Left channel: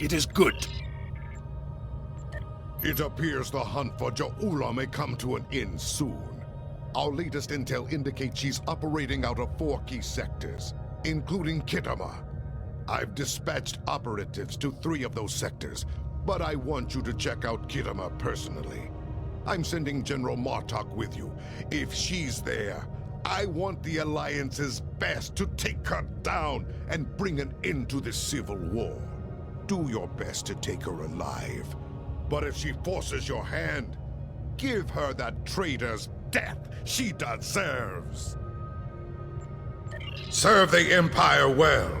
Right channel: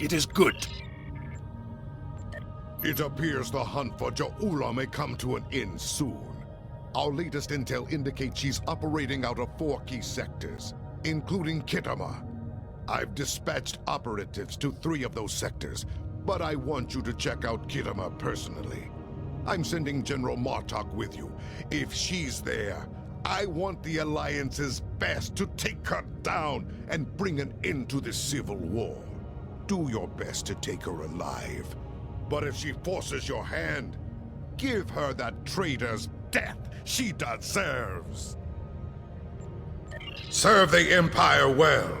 It is good. It appears the hunt for Ja'ula may come to an end soon. Our latest intel indicates she's operating out of 4 key sectors, including Khitomer. I've dispatched operatives to 3 of those sectors, but I want you to check out Khitomer personally. I'm sending General Martok with you. If she's there, I want the Alliance's best to take her down and bring an end to this civil war. Do your best to take her alive. But if she forces your hand, give her that traitor's death she deserves. Serve the Empire well.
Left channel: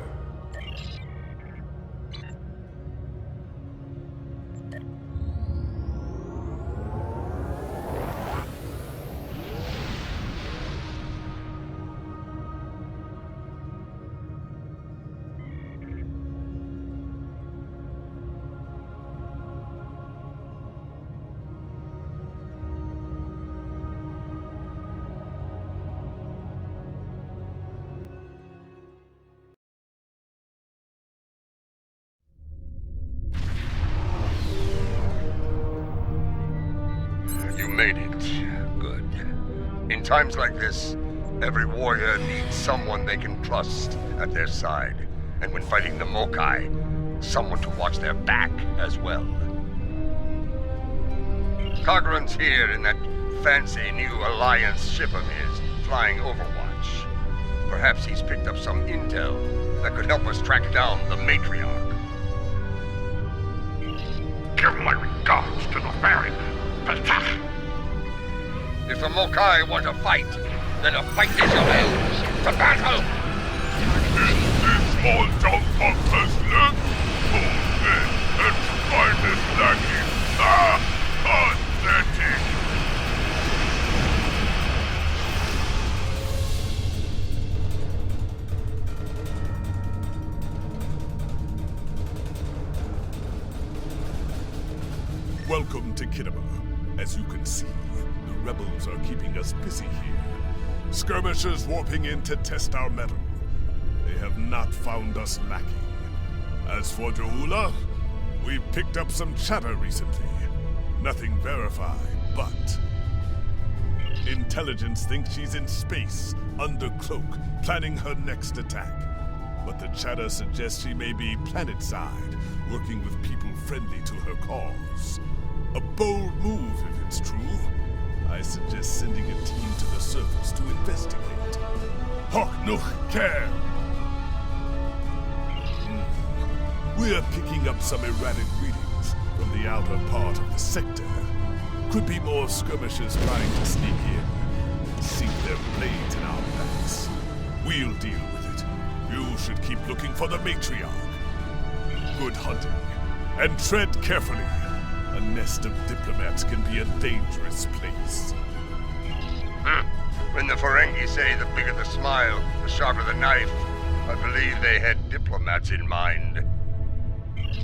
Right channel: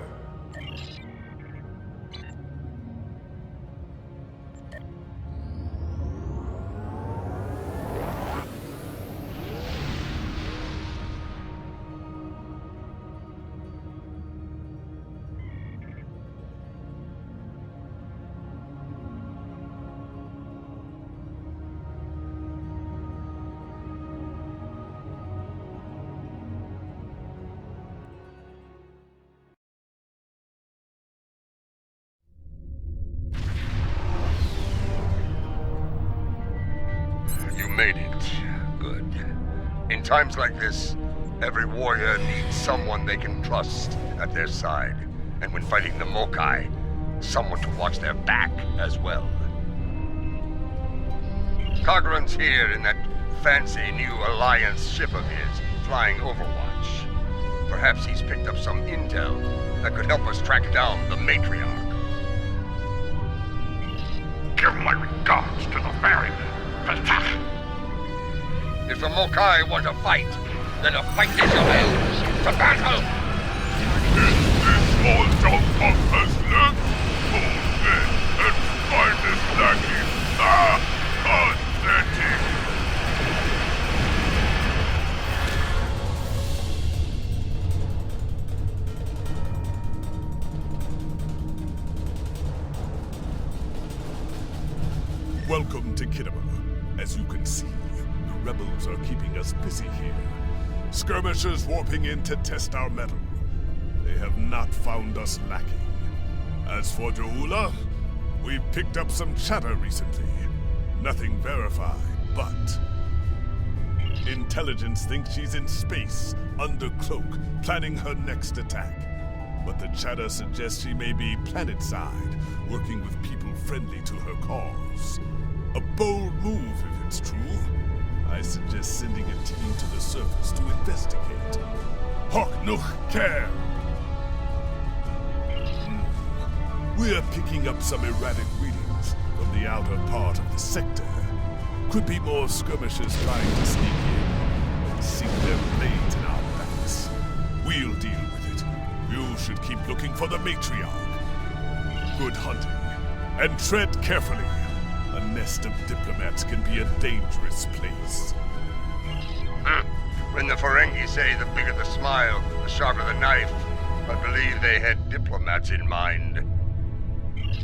You made it. Good. In times like this, every warrior needs someone they can trust at their side. And when fighting the Mokai, someone to watch their back as well. Cogran's here in that fancy new Alliance ship of his, flying Overwatch. Perhaps he's picked up some intel that could help us track down the Matriarch. Give my regards to the ferryman, Petach. If the Mokai want to fight, then a fight is your own. To battle! This small junk of Tesla? Oh, then, and finest lacking. Pathetic! Welcome to Khitomer. As you can see, the rebels are keeping us busy here. Skirmishers warping in to test our mettle. They have not found us lacking. As for Ja'ula, we've picked up some chatter recently. Nothing verified, but intelligence thinks she's in space, under cloak, planning her next attack. But the chatter suggests she may be planet-side, working with people friendly to her cause. A bold move, if it's true. I suggest sending a team to the surface to investigate. Hawk Nuch Care! We're picking up some erratic readings from the outer part of the sector. Could be more skirmishers trying to sneak in and sink their blades in our backs. We'll deal with it. You should keep looking for the Matriarch. Good hunting. And tread carefully. A nest of diplomats can be a dangerous place. When the Ferengi say the bigger the smile, the sharper the knife, I believe they had diplomats in mind.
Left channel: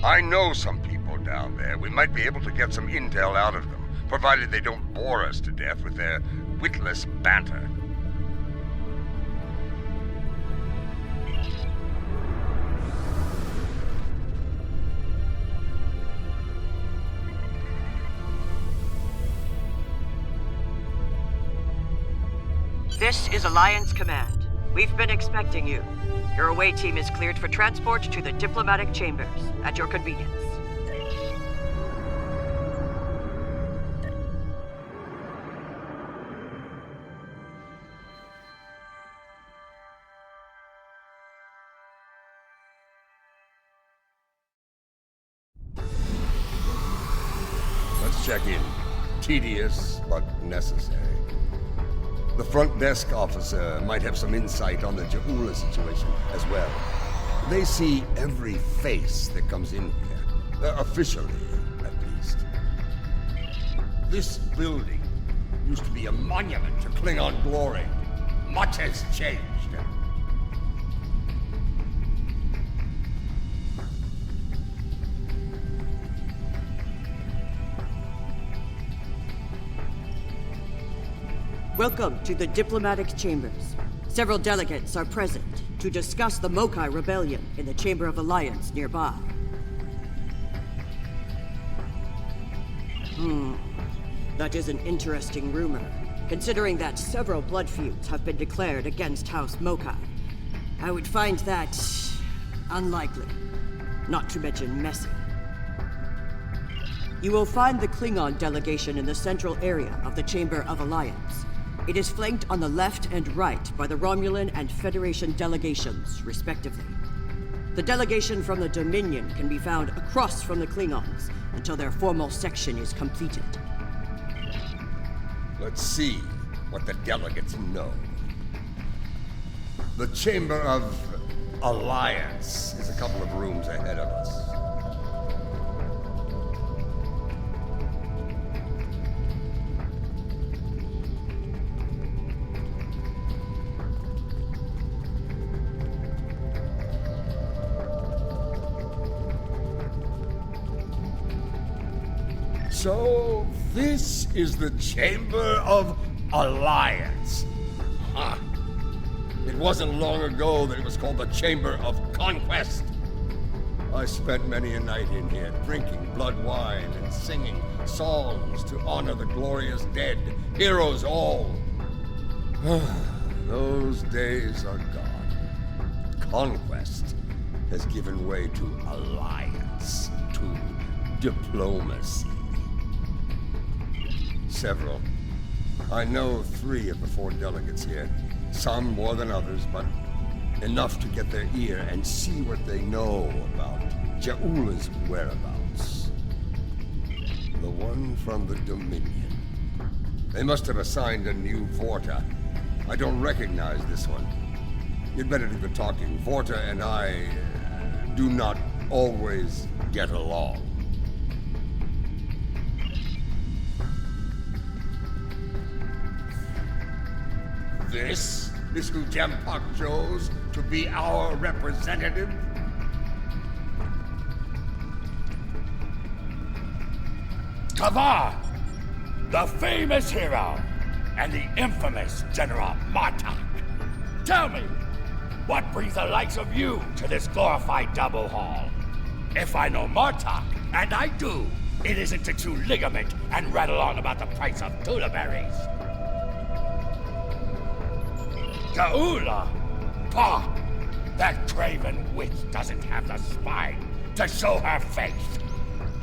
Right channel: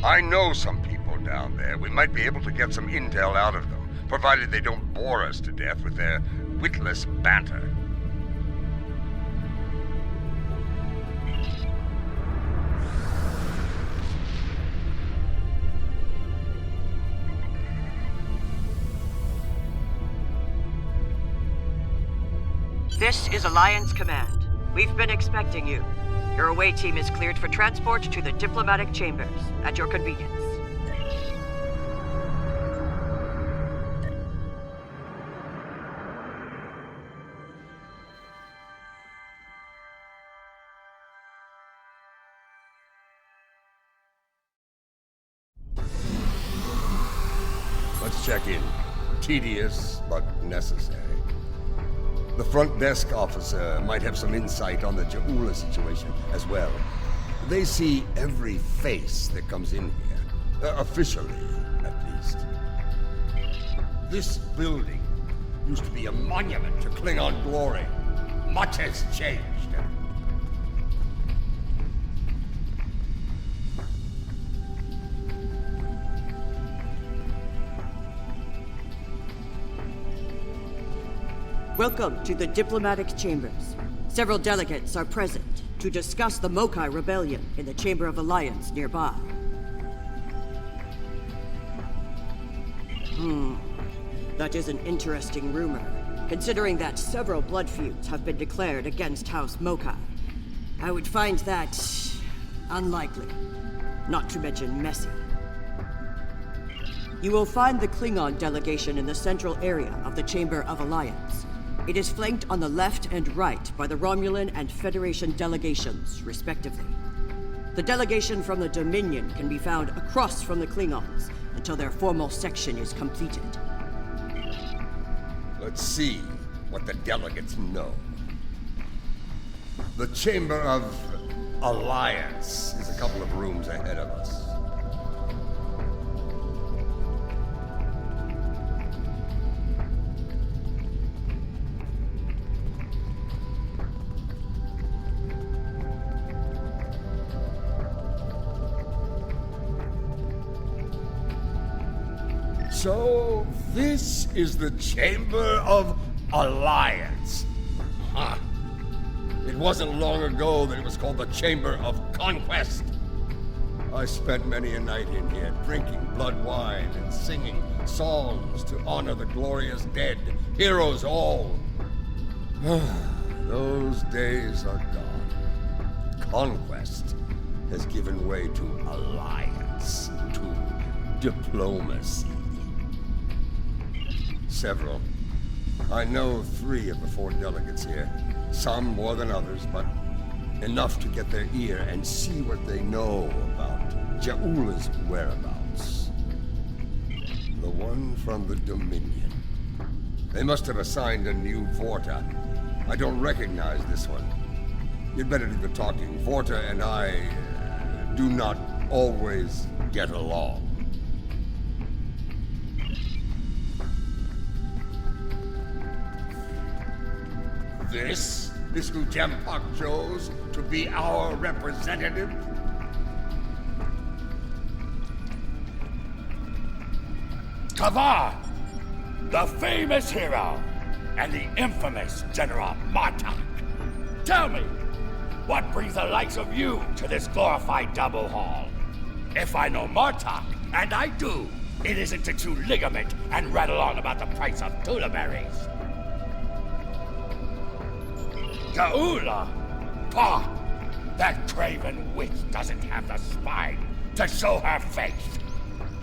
I know some people down there. We might be able to get some intel out of them, provided they don't bore us to death with their witless banter. This is Alliance Command. We've been expecting you. Your away team is cleared for transport to the diplomatic chambers, at your convenience. Let's check in. Tedious, but necessary. The front desk officer might have some insight on the Ja'ula situation as well. They see every face that comes in here. Officially, at least. This building used to be a monument to Klingon glory. Much has changed. Welcome to the diplomatic chambers. Several delegates are present to discuss the Mokai rebellion in the Chamber of Alliance nearby. That is an interesting rumor, considering that several blood feuds have been declared against House Mokai. I would find that unlikely, not to mention messy. You will find the Klingon delegation in the central area of the Chamber of Alliance. It is flanked on the left and right by the Romulan and Federation delegations, respectively. The delegation from the Dominion can be found across from the Klingons until their formal section is completed. Let's see what the delegates know. The Chamber of Alliance is a couple of rooms ahead of us. So, this is the Chamber of Alliance. Huh. It wasn't long ago that it was called the Chamber of Conquest. I spent many a night in here, drinking blood wine and singing songs to honor the glorious dead, heroes all. Those days are gone. Conquest has given way to alliance, to diplomacy. Several. I know 3 of the 4 delegates here. Some more than others, but enough to get their ear and see what they know about Ja'ula's whereabouts. The one from the Dominion. They must have assigned a new Vorta. I don't recognize this one. You'd better do the talking. Vorta and I do not always get along. This is who Jempak chose to be our representative? Kavar, the famous hero, and the infamous General Martok. Tell me, what brings the likes of you to this glorified double hall? If I know Martok, and I do, it isn't to chew ligament and rattle on about the price of tula berries. Ja'ula? Pah! That craven witch doesn't have the spine to show her face.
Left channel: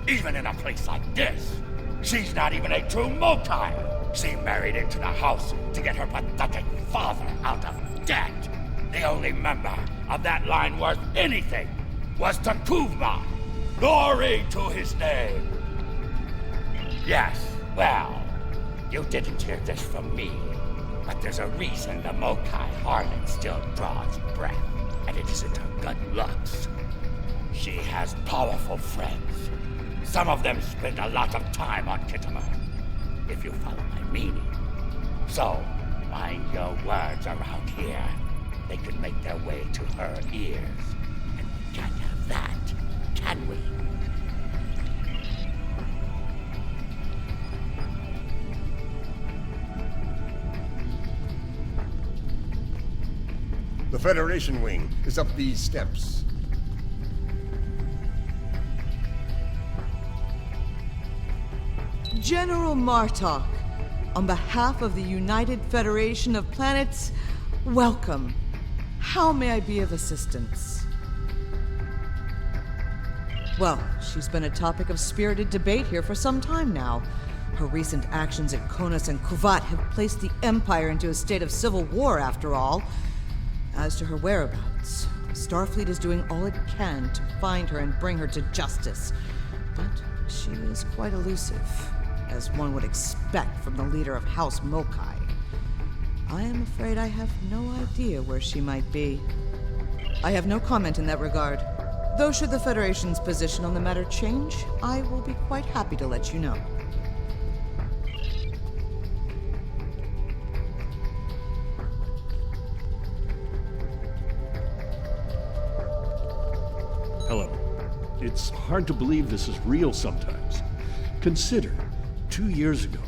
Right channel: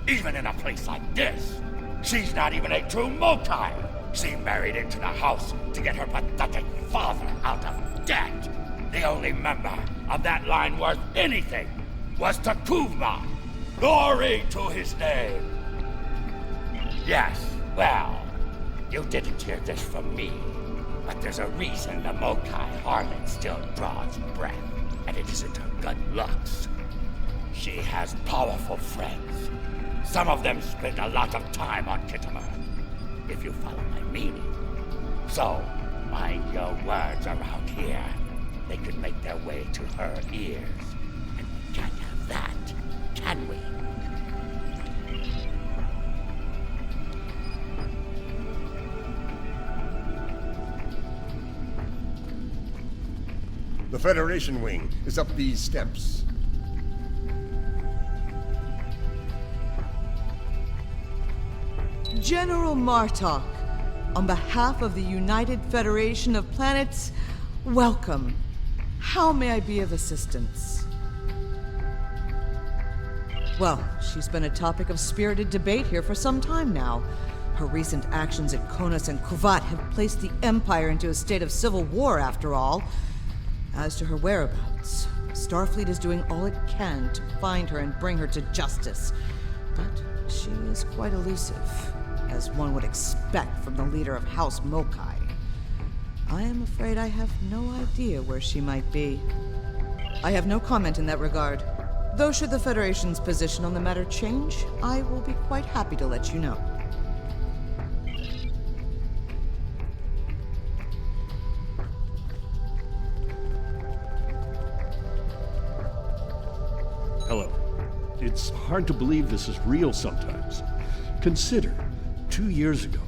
Even in a place like this, she's not even a true Mokai. She married into the house to get her pathetic father out of debt. The only member of that line worth anything was Takuvma. Glory to his name. Yes, well, you didn't hear this from me. But there's a reason the Mokai harlot still draws breath, and it isn't her good looks. She has powerful friends. Some of them spend a lot of time on Khitomer, if you follow my meaning. So, mind your words around here. They could make their way to her ears. And we can't have that, can we? The Federation wing is up these steps. General Martok, on behalf of the United Federation of Planets, welcome. How may I be of assistance? Well, she's been a topic of spirited debate here for some time now. Her recent actions at Konos and Kuvat have placed the Empire into a state of civil war, after all. As to her whereabouts, Starfleet is doing all it can to find her and bring her to justice. But she is quite elusive, as one would expect from the leader of House Mokai. I am afraid I have no idea where she might be. I have no comment in that regard. Though should the Federation's position on the matter change, I will be quite happy to let you know. Hello. It's hard to believe this is real sometimes. Consider, 2 years ago,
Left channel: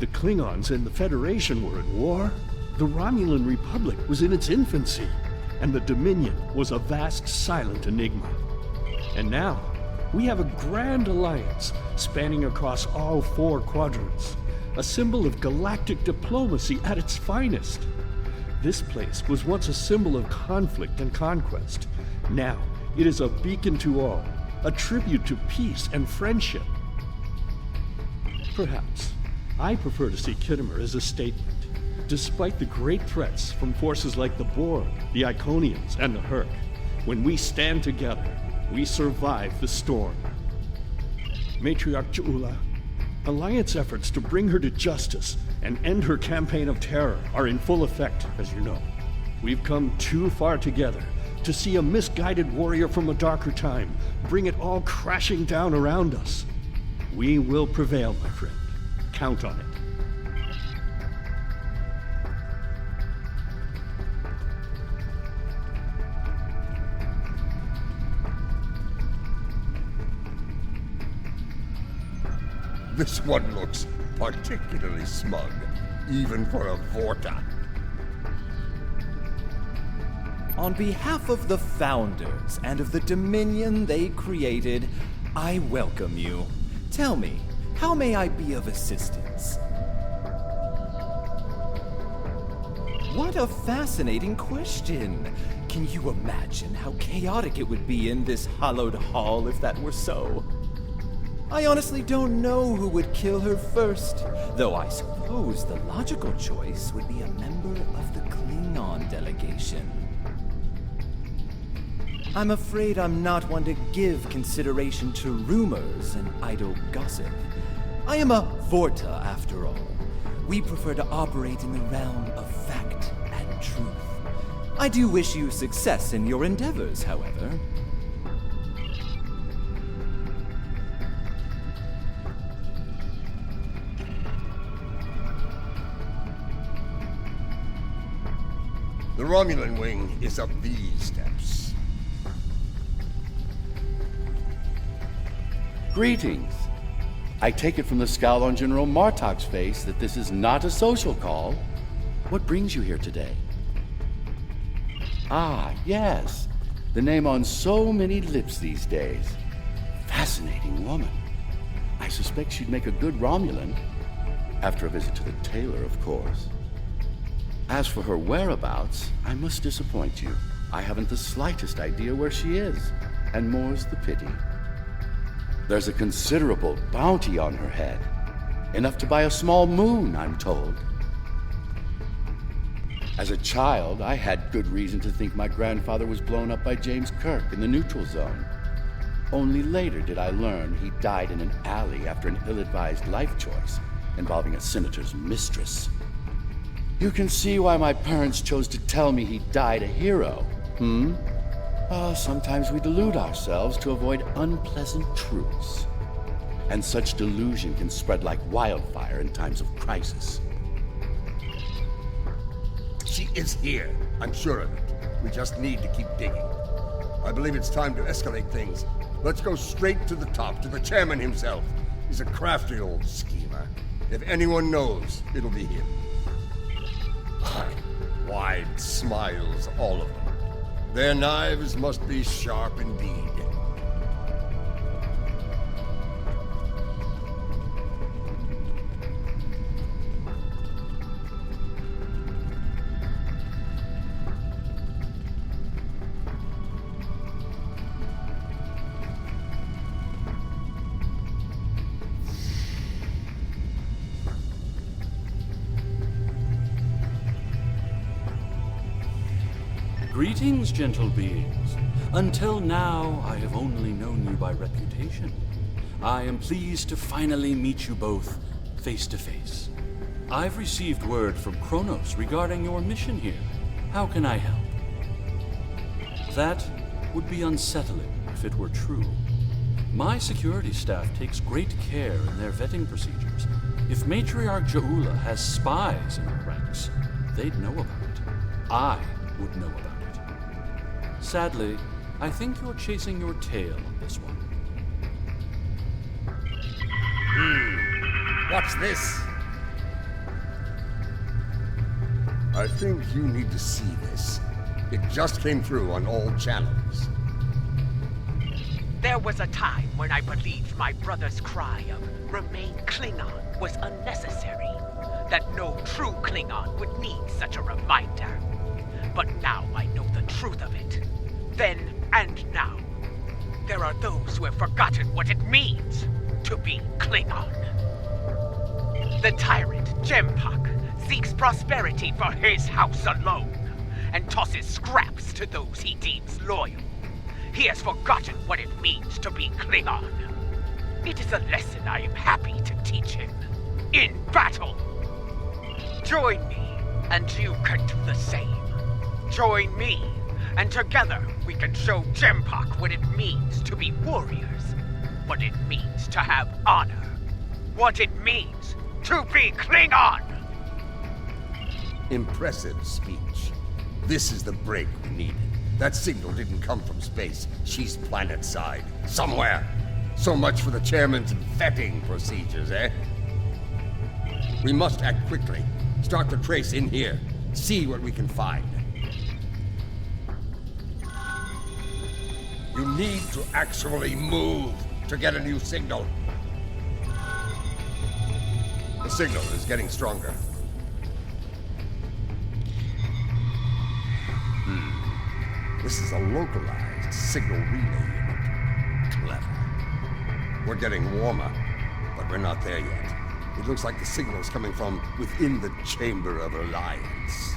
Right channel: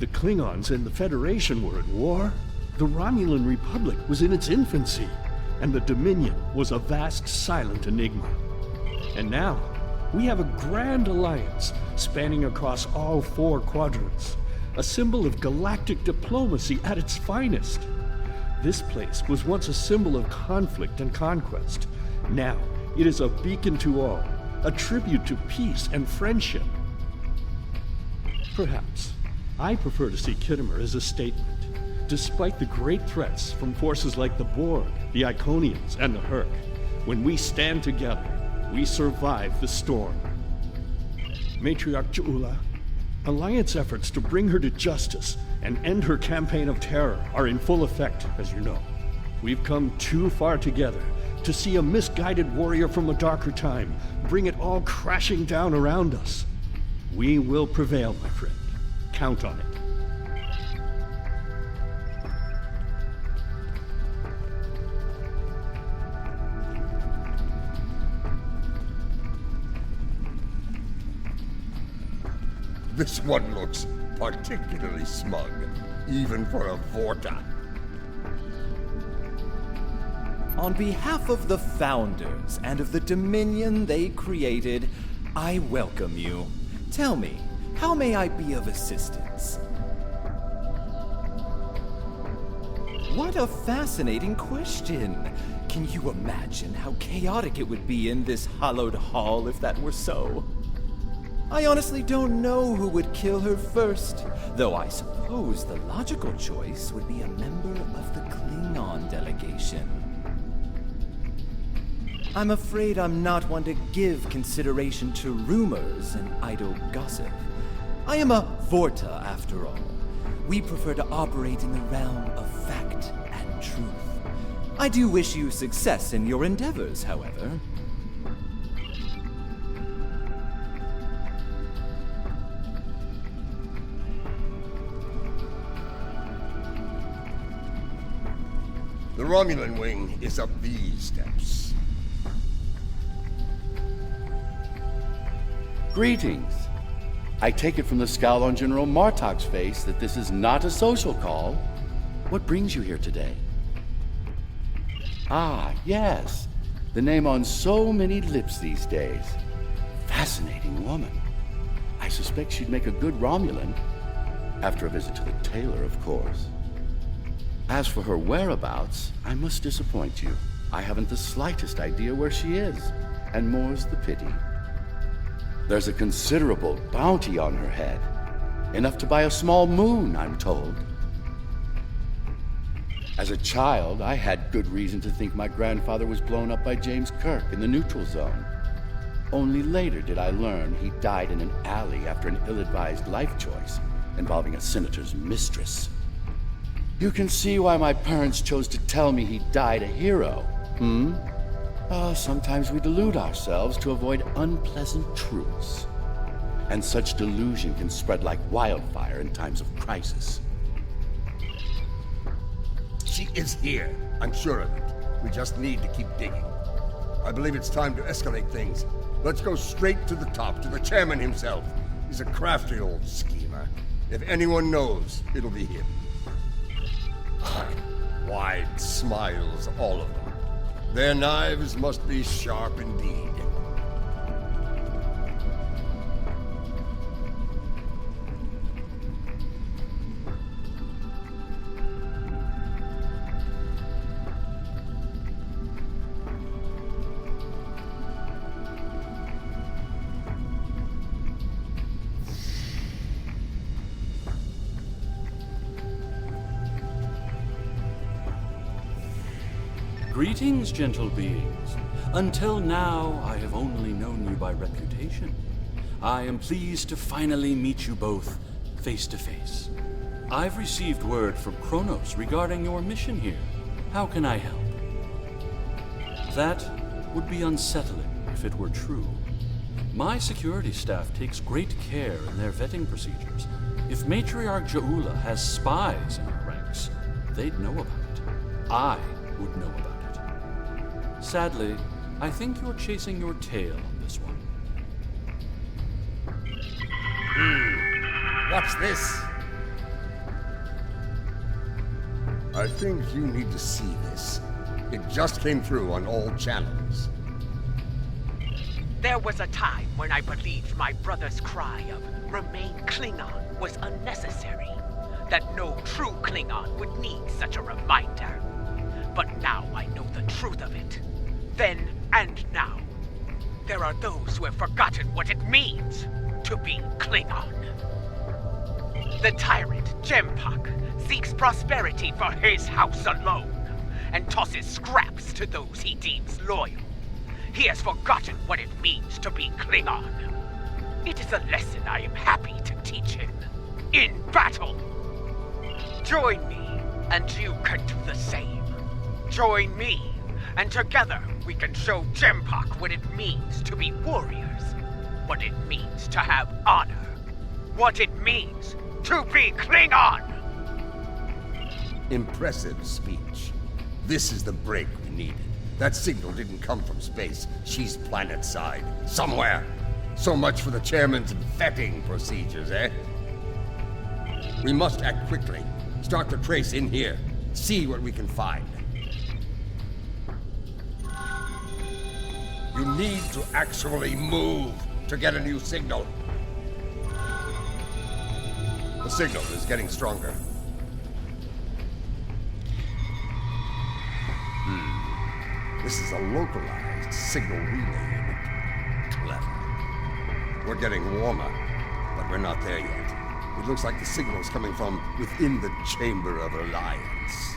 the Klingons and the Federation were at war. The Romulan Republic was in its infancy, and the Dominion was a vast silent enigma. And now, We have a grand alliance spanning across all 4 quadrants, a symbol of galactic diplomacy at its finest. This place was once a symbol of conflict and conquest. Now, it is a beacon to all, a tribute to peace and friendship. Perhaps, I prefer to see Khitomer as a statement. Despite the great threats from forces like the Borg, the Iconians, and the Herc, when we stand together, we survive the storm. Matriarch Ja'ula, Alliance efforts to bring her to justice and end her campaign of terror are in full effect, as you know. We've come too far together to see a misguided warrior from a darker time bring it all crashing down around us. We will prevail, my friend. Count on it. This one looks particularly smug, even for a Vorta. On behalf of the Founders and of the Dominion they created, I welcome you. Tell me, how may I be of assistance? What a fascinating question! Can you imagine how chaotic it would be in this hallowed hall if that were so? I honestly don't know who would kill her first, though I suppose the logical choice would be a member of the Klingon delegation. I'm afraid I'm not one to give consideration to rumors and idle gossip. I am a Vorta, after all. We prefer to operate in the realm of fact and truth. I do wish you success in your endeavors, however. The Romulan wing is up these steps. Greetings. I take it from the scowl on General Martok's face that this is not a social call. What brings you here today? Ah, yes. The name on so many lips these days. Fascinating woman. I suspect she'd make a good Romulan. After a visit to the tailor, of course. As for her whereabouts, I must disappoint you. I haven't the slightest idea where she is, and more's the pity. There's a considerable bounty on her head. Enough to buy a small moon, I'm told. As a child, I had good reason to think my grandfather was blown up by James Kirk in the neutral zone. Only later did I learn he died in an alley after an ill-advised life choice involving a senator's mistress. You can see why my parents chose to tell me he died a hero, sometimes we delude ourselves to avoid unpleasant truths. And such delusion can spread like wildfire in times of crisis. She is here, I'm sure of it. We just need to keep digging. I believe it's time to escalate things. Let's go straight to the top, to the chairman himself. He's a crafty old schemer. If anyone knows, it'll be him. Wide smiles, all of them. Their knives must be sharp indeed. Greetings, gentle beings. Until now, I have only known you by reputation. I am pleased to finally meet you both face to face. I've received word from Kronos regarding your mission here. How can I help? That would be unsettling if it were true. My security staff takes great care in their vetting procedures. If Matriarch Ja'ula has spies in her ranks, they'd know about it. I would know about it. Sadly, I think you're chasing your tail on this one. What's this? I think you need to see this. It just came through on all channels. There was a time when I believed my brother's cry of "Remain Klingon" was unnecessary. That no true Klingon would need such a reminder. But now I know the truth of it. Then and now. There are those who have forgotten what it means to be Klingon. The tyrant, Jempak, seeks prosperity for his house alone, and tosses scraps to those he deems loyal. He has forgotten what it means to be Klingon. It is a lesson I am happy to teach him. In battle! Join me, and you can do the same. Join me, and together we can show Jempak what it means to be warriors. What it means to have honor. What it means to be Klingon! Impressive speech. This is the break we needed. That signal didn't come from space. She's planet-side. Somewhere. So much for the chairman's vetting procedures, eh? We must act quickly. Start the trace in here. See what we can find. You need to actually move to get a new signal. The signal is getting stronger. This is a localized signal relay unit. Clever. We're getting warmer, but we're not there yet. It looks like the signal is coming from within the Chamber of Alliance.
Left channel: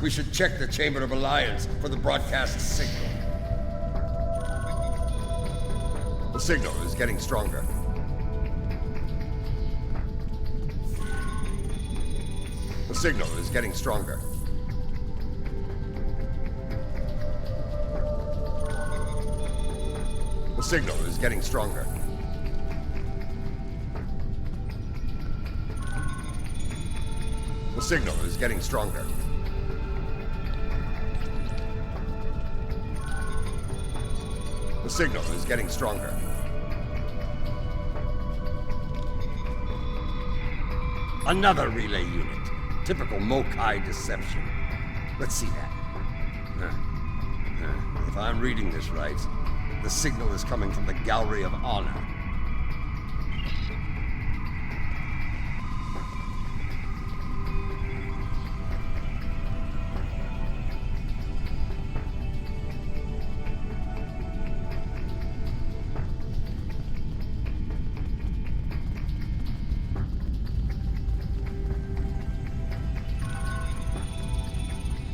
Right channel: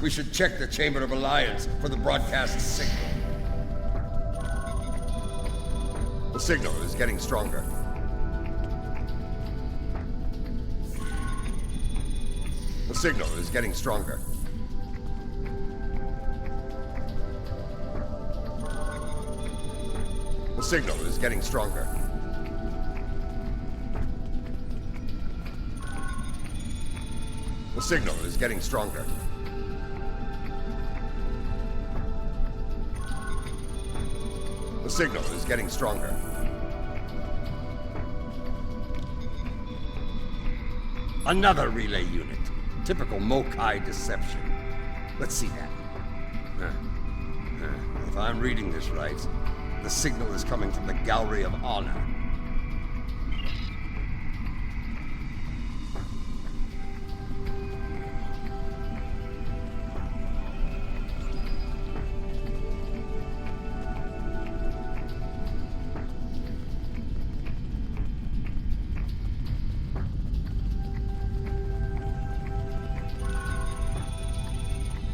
We should check the Chamber of Alliance for the broadcast signal. The signal is getting stronger. The signal is getting stronger. The signal is getting stronger. The signal is getting stronger. The signal is getting stronger. Another relay unit. Typical Mokai deception. Let's see that. If I'm reading this right, the signal is coming from the Gallery of Honor.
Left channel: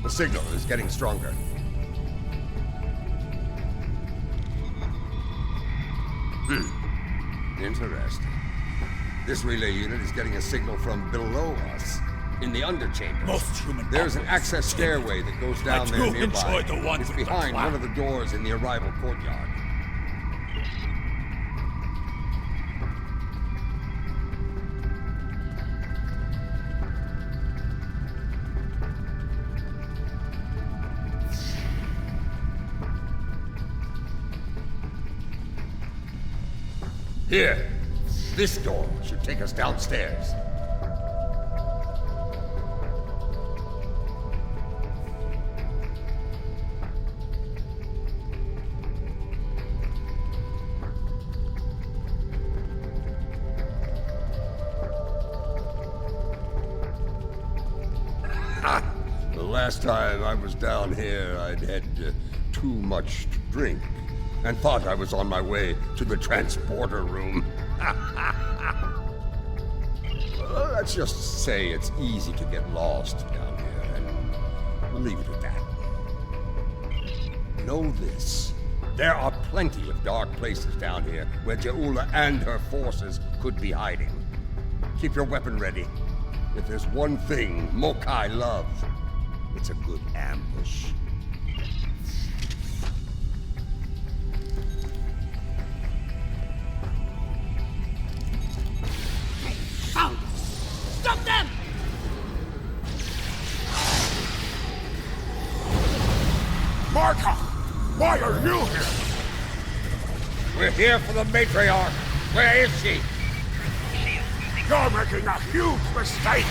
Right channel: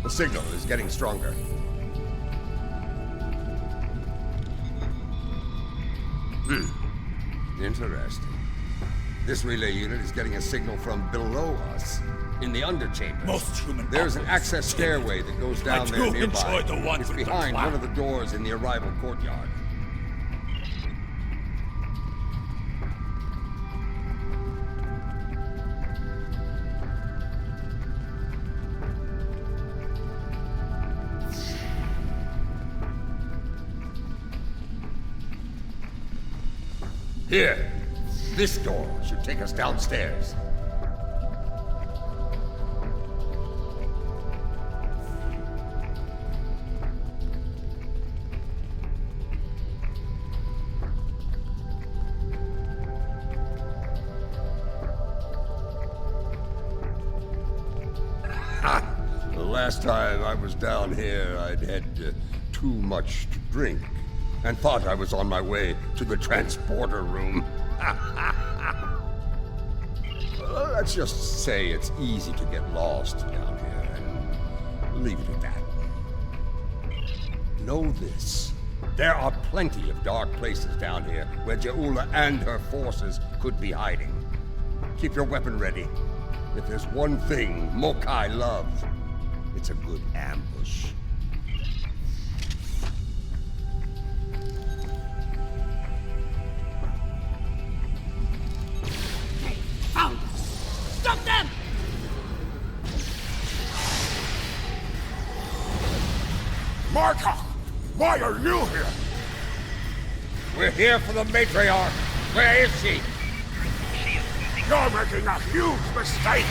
The signal is getting stronger. Interesting. This relay unit is getting a signal from below us, in the underchamber. Most human There's an operates access stairway that goes down I there do nearby. enjoy the one It's with the behind clown. one of the doors in the arrival courtyard. Here. This door should take us downstairs. The last time I was down here, I'd had too much to drink and thought I was on my way to the transporter room. Let's just say it's easy to get lost down here, and leave it at that. Know this. There are plenty of dark places down here where Jaula and her forces could be hiding. Keep your weapon ready. If there's one thing Mokai love, it's a good ambush. Found us! Stop them! Marta! Why are you here? We're here for the matriarch. Where is she? You're making a huge mistake!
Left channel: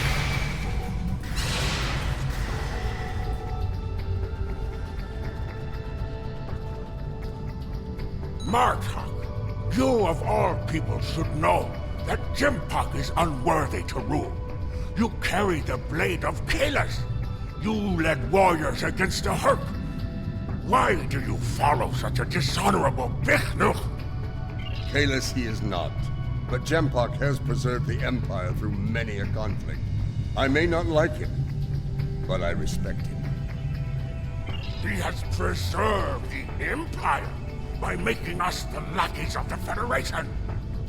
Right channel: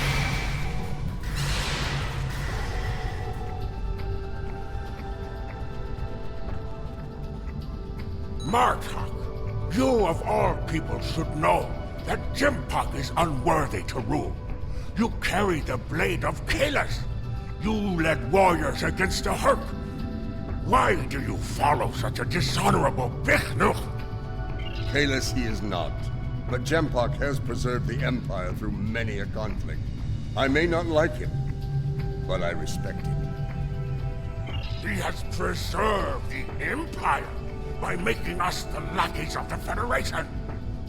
Martok, you of all people should know that Jimpak is unworthy to rule. You carry the blade of Kalis. You led warriors against the Herc. Why do you follow such a dishonorable Bichnuk? Kalis he is not, but Jempak has preserved the Empire through many a conflict. I may not like him, but I respect him. He has preserved the Empire by making us the lackeys of the Federation.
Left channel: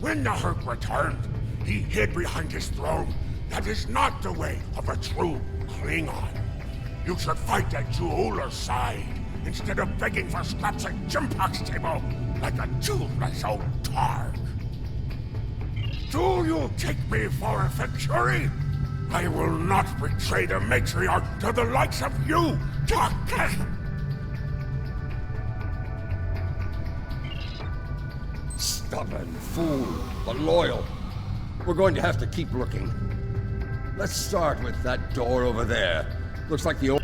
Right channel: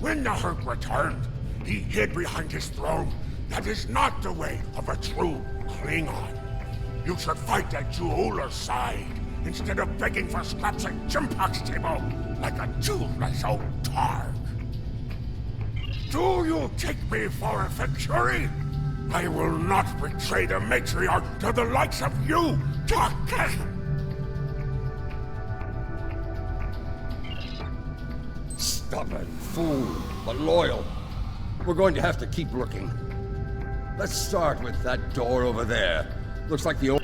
When the Herc returned, he hid behind his throne. That is not the way of a true Klingon. You should fight at Juula's side, instead of begging for scraps at Jimpak's table, like a toothless old targ. Do you take me for a Venturi? I will not betray the matriarch to the likes of you, Doctor! Stubborn fool, but loyal. We're going to have to keep looking. Let's start with that door over there. Looks like the old...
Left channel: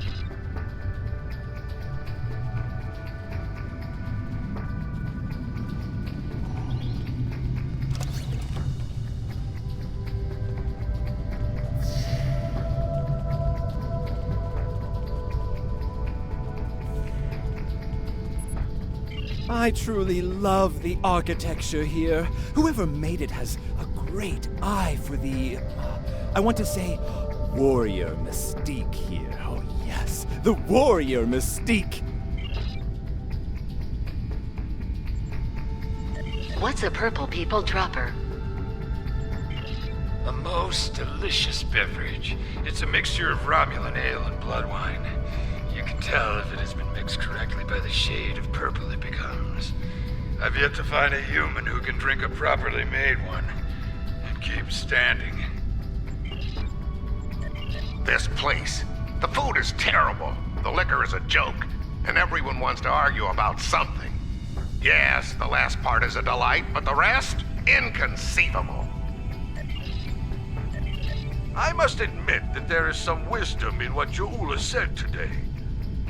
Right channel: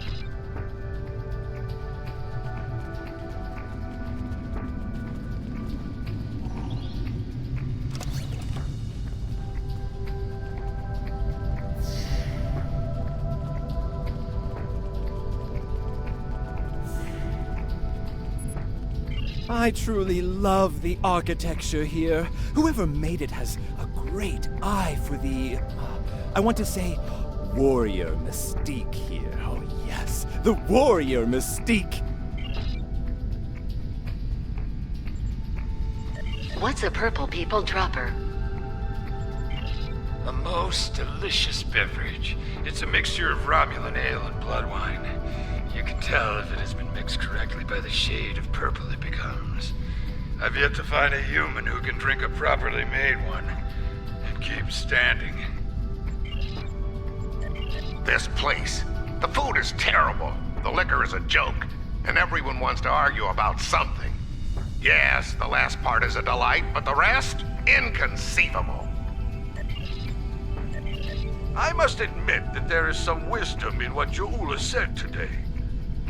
I truly love the architecture here. Whoever made it has a great eye for the... I want to say warrior mystique here. Oh yes, the warrior mystique! What's a purple people dropper? A most delicious beverage. It's a mixture of Romulan ale and blood wine. You can tell if it has been mixed correctly by the shade of purple it becomes. I've yet to find a human who can drink a properly made one and keep standing. This place. The food is terrible. The liquor is a joke. And everyone wants to argue about something. Yes, the last part is a delight, but the rest? Inconceivable. I must admit that there is some wisdom in what Juula said today.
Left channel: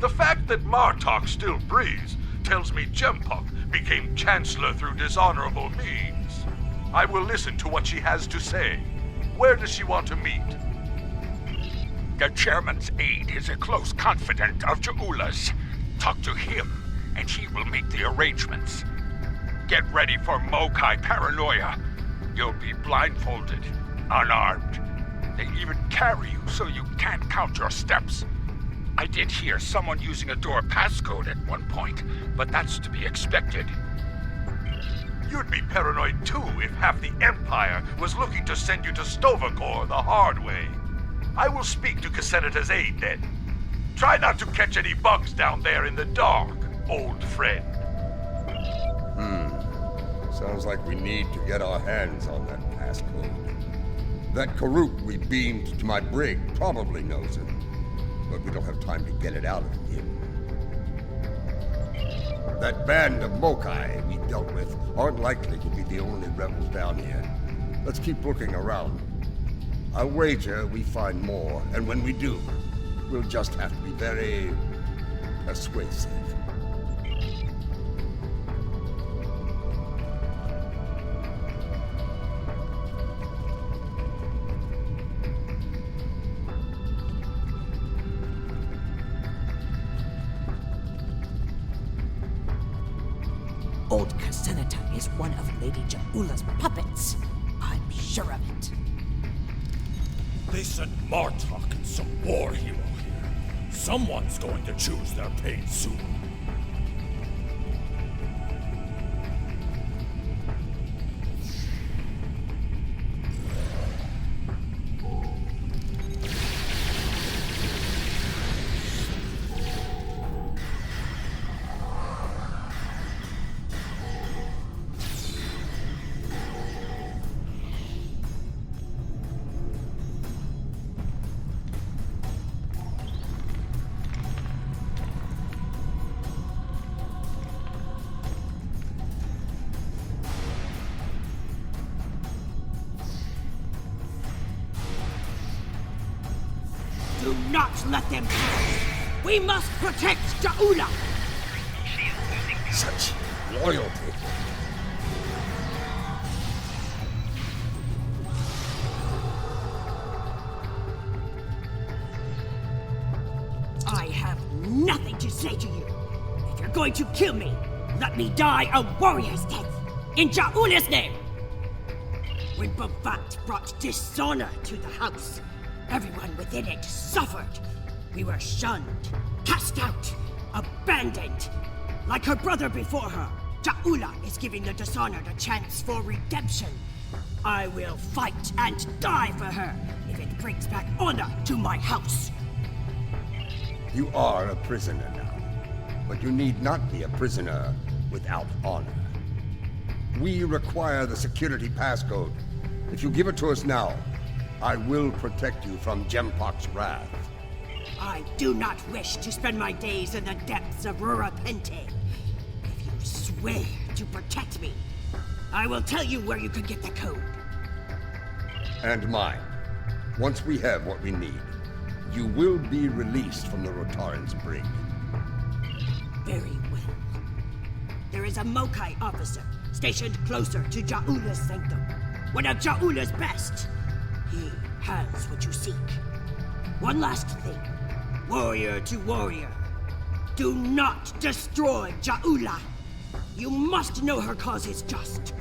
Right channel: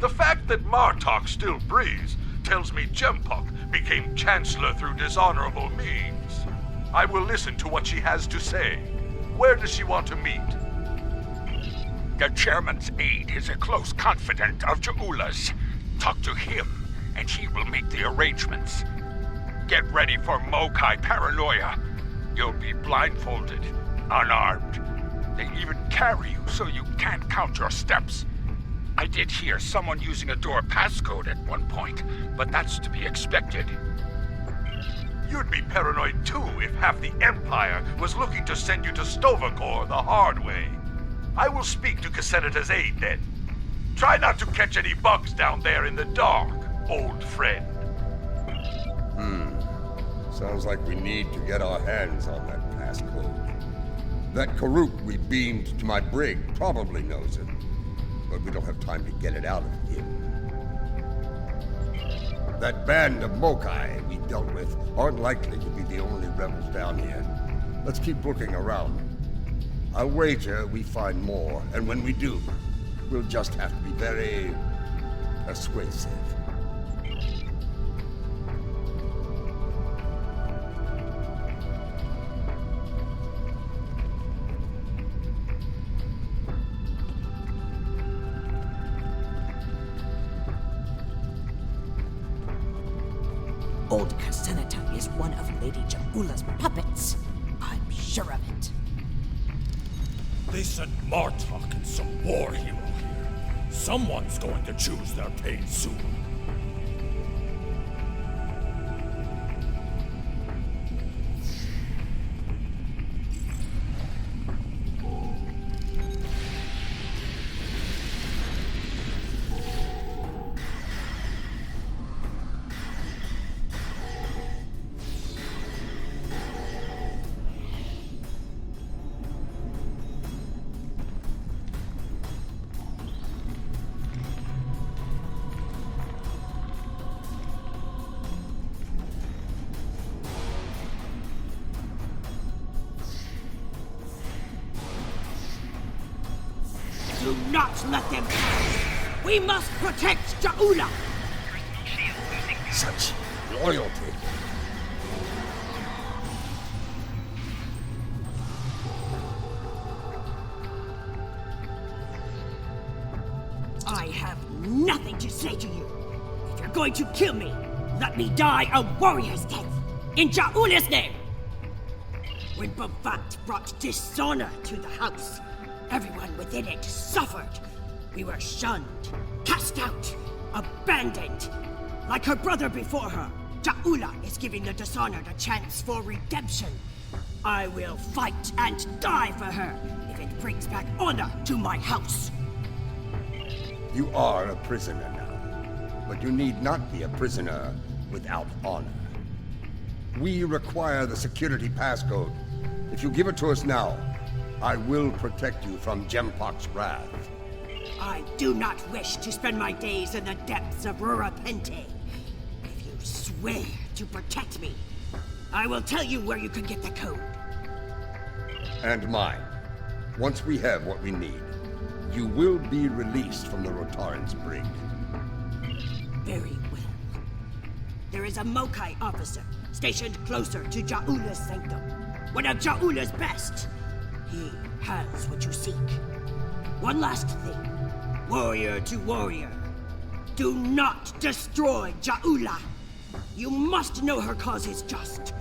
The fact that Martok still breathes tells me Jempak became Chancellor through dishonorable means. I will listen to what she has to say. Where does she want to meet? The chairman's aide is a close confidant of Juula's. Talk to him, and he will make the arrangements. Get ready for Mokai paranoia. You'll be blindfolded, unarmed. They even carry you so you can't count your steps. I did hear someone using a door passcode at one point, but that's to be expected. You'd be paranoid too if half the Empire was looking to send you to Stovacor the hard way. I will speak to Casenata's aide then. Try not to catch any bugs down there in the dark, old friend. Sounds like we need to get our hands on that passcode. That Karuk we beamed to my brig probably knows it, but we don't have time to get it out of him. That band of Mokai we dealt with aren't likely to be the only rebels down here. Let's keep looking around. I'll wager we find more, and when we do, we'll just have to be very persuasive. Old Casenata is one of Lady Jaula's puppets. I'm sure of it. They sent Martok and some war hero here. Someone's going to choose their pain soon. Do not let them pass! We must protect Ja'ula! Such loyalty. I have nothing to say to you. If you're going to kill me, let me die a warrior's death, in Ja'ula's name! When Bavat brought dishonor to the house, everyone within it suffered. We were shunned, cast out, abandoned. Like her brother before her, Ja'ula is giving the dishonored a chance for redemption. I will fight and die for her if it brings back honor to my house. You are a prisoner now, but you need not be a prisoner without honor. We require the security passcode. If you give it to us now, I will protect you from Gempok's wrath. I do not wish to spend my days in the depths of Rurapente. If you swear to protect me, I will tell you where you can get the code. And mine. Once we have what we need, you will be released from the Rotaran's brig. Very well. There is a Mokai officer stationed closer to Ja'ula's sanctum. One of Ja'ula's best. He has what you seek. One last thing. Warrior to warrior. Do not destroy Ja'ula. You must know her cause is just.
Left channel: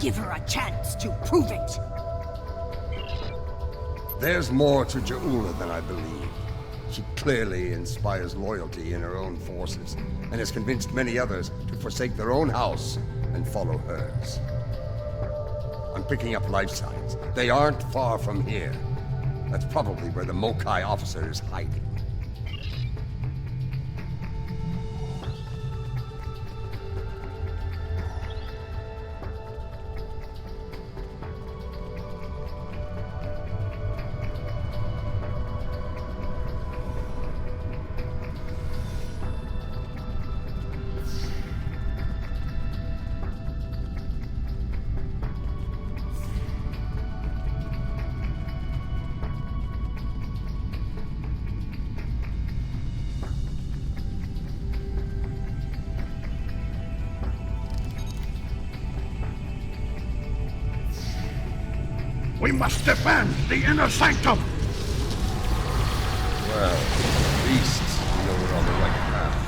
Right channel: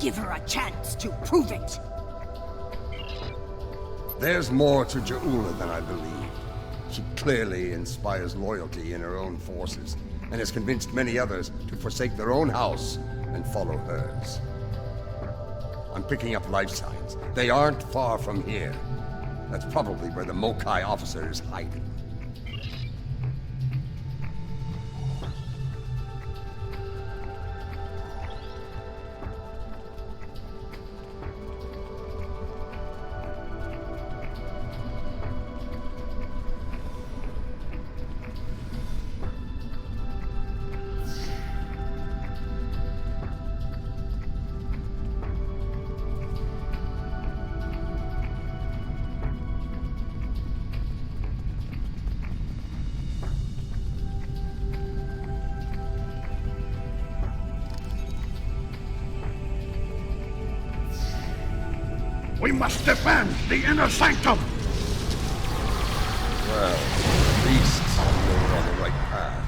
Give her a chance to prove it. There's more to Ja'ula than I believe. She clearly inspires loyalty in her own forces, and has convinced many others to forsake their own house and follow hers. I'm picking up life signs. They aren't far from here. That's probably where the Mokai officer is hiding. We must defend the inner sanctum! Well, at least we know we're on the right path.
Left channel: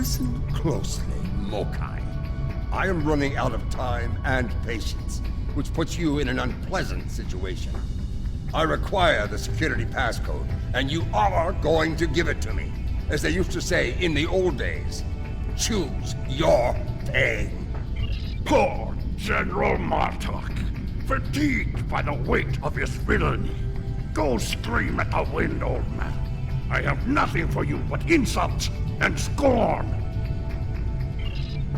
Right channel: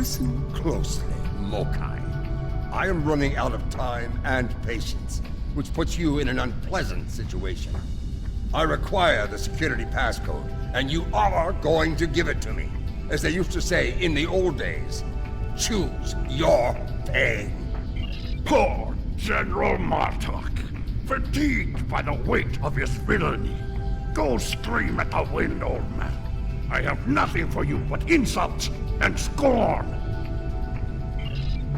Listen closely, Mokai. I am running out of time and patience, which puts you in an unpleasant situation. I require the security passcode, and you are going to give it to me. As they used to say in the old days, choose your pain. Poor General Martok, fatigued by the weight of his villainy. Go scream at the wind, old man. I have nothing for you but insults and scorn.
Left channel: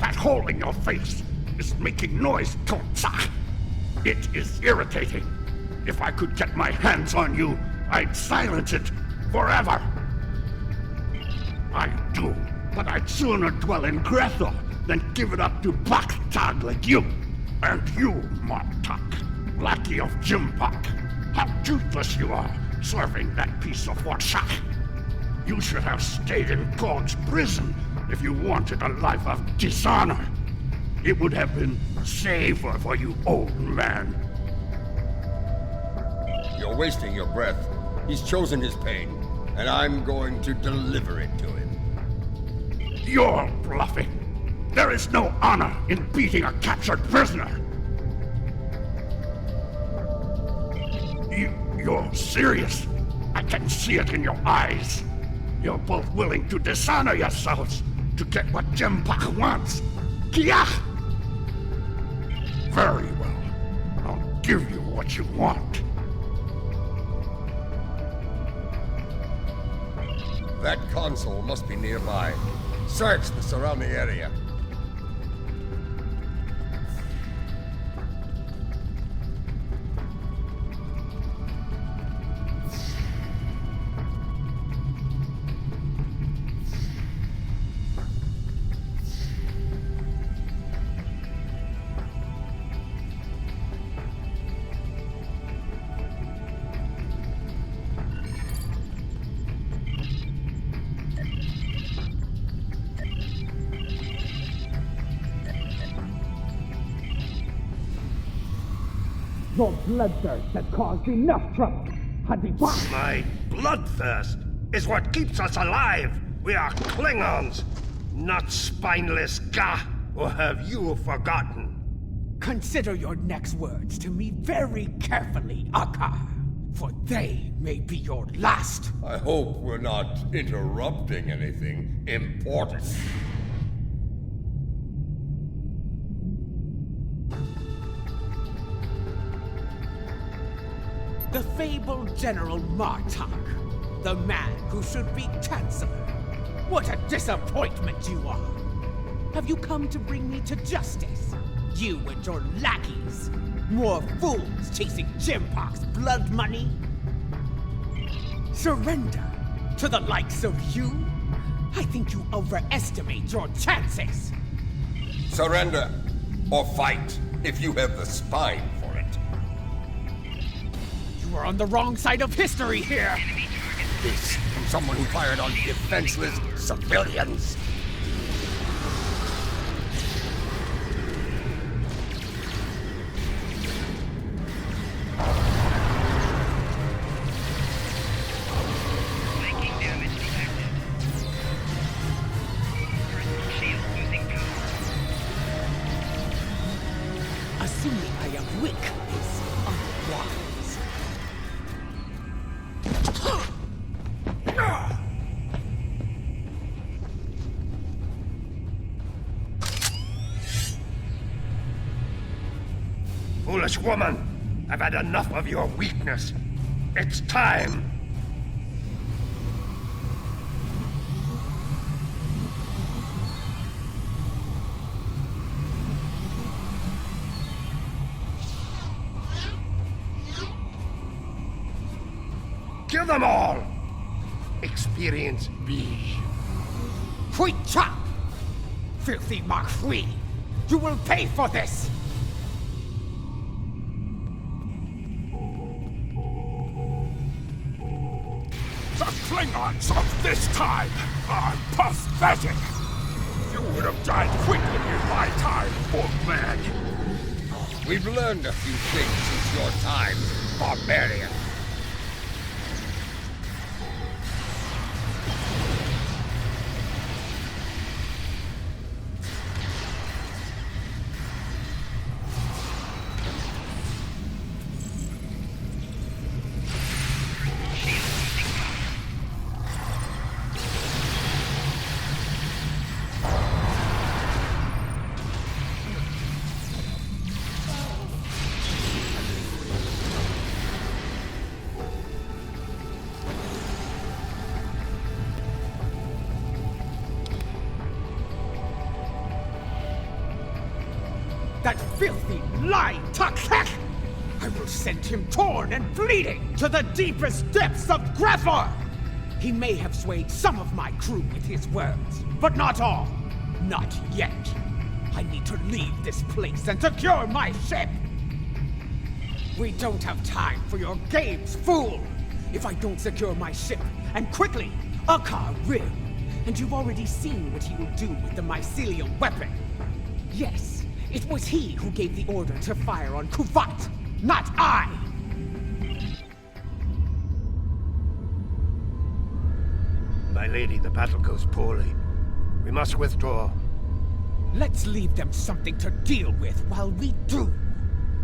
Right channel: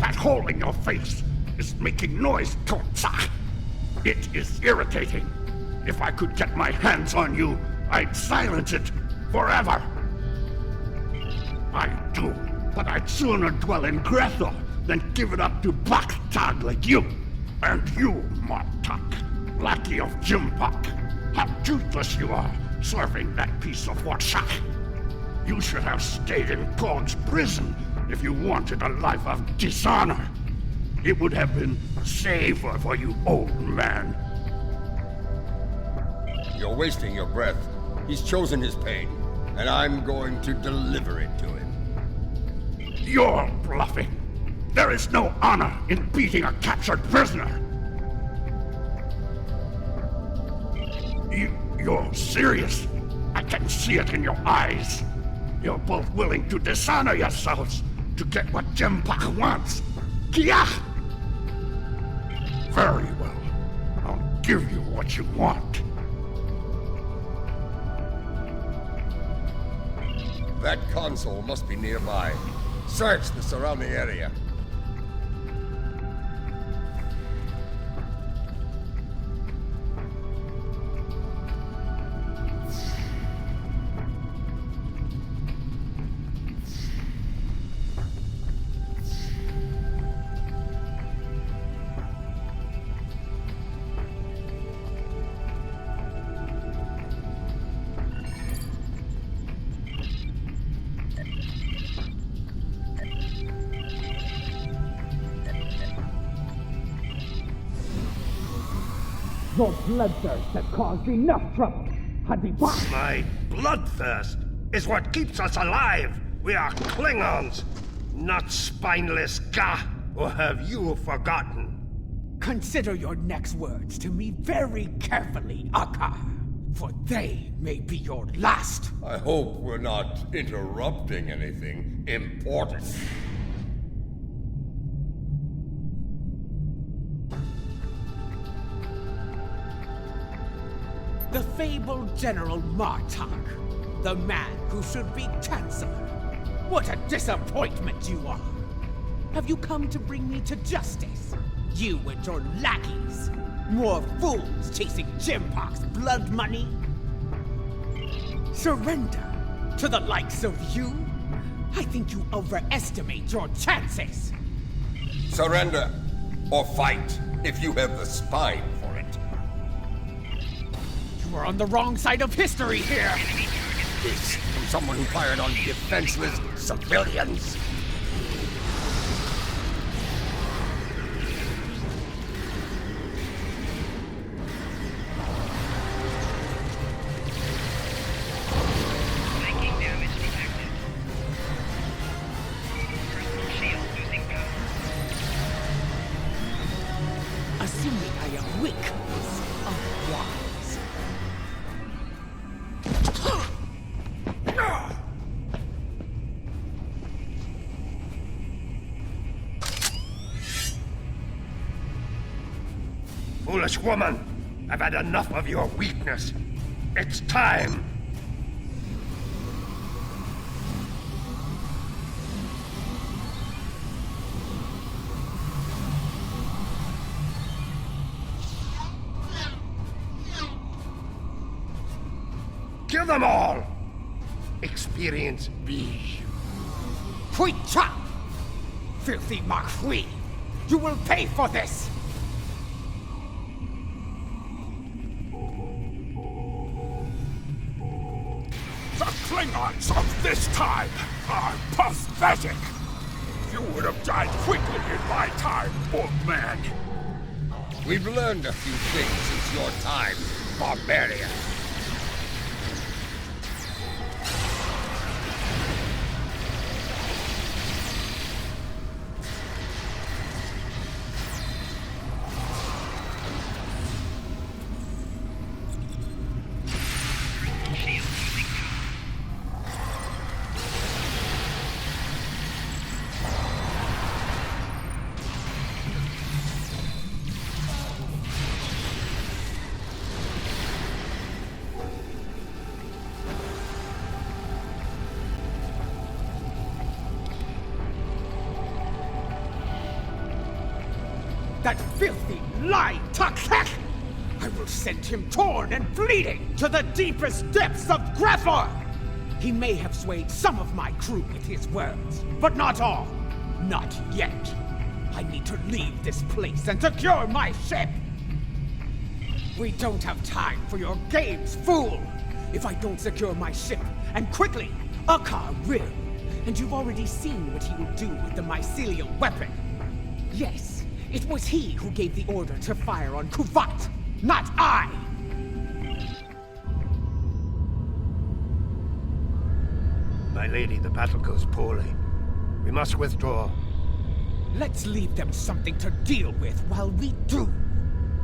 That hole in your face is making noise, Tortsa. It is irritating. If I could get my hands on you, I'd silence it forever. I do, but I'd sooner dwell in Grethel than give it up to Baktag like you. And you, Martok, lackey of Jimpak. How toothless you are, serving that piece of Warshak. You should have stayed in God's prison if you wanted a life of dishonor. It would have been safer for you, old man. You're wasting your breath. He's chosen his pain, and I'm going to deliver it to him. You're bluffing. There is no honor in beating a captured prisoner. You're serious. I can see it in your eyes. You're both willing to dishonor yourselves to get what Jimpak wants. Kia! Very well. I'll give you what you want. That console must be nearby. Search the surrounding area. Your bloodthirst has caused enough trouble. My bloodthirst is what keeps us alive. We are Klingons, not spineless Ga. Or have you forgotten? Consider your next words to me very carefully, Akar, for they may be your last. I hope we're not interrupting anything important. The fabled General Martok, the man who should be Chancellor. What a disappointment you are! Have you come to bring me to justice? You and your lackeys? More fools chasing Jimpok's blood money? Surrender to the likes of you? I think you overestimate your chances. Surrender or fight if you have the spine for it. You are on the wrong side of history here! This from someone who fired on defenseless civilians. Assuming I am weak is unwise. Foolish woman, I've had enough of your weakness. It's time. Kill them all! Experience me. Hui Cha! Filthy Mark Hui! You will pay for this! The Klingons of this time are pathetic. You would have died quickly in my time, old man. We've learned a few things since your time, barbarian. That filthy, lying Takek! I will send him torn and bleeding to the deepest depths of Grethor! He may have swayed some of my crew with his words, but not all. Not yet. I need to leave this place and secure my ship! We don't have time for your games, fool! If I don't secure my ship, and quickly, Akar will. And you've already seen what he will do with the mycelial weapon. Yes, it was he who gave the order to fire on Kuvat, not I! My lady, the battle goes poorly. We must withdraw. Let's leave them something to deal with while we do.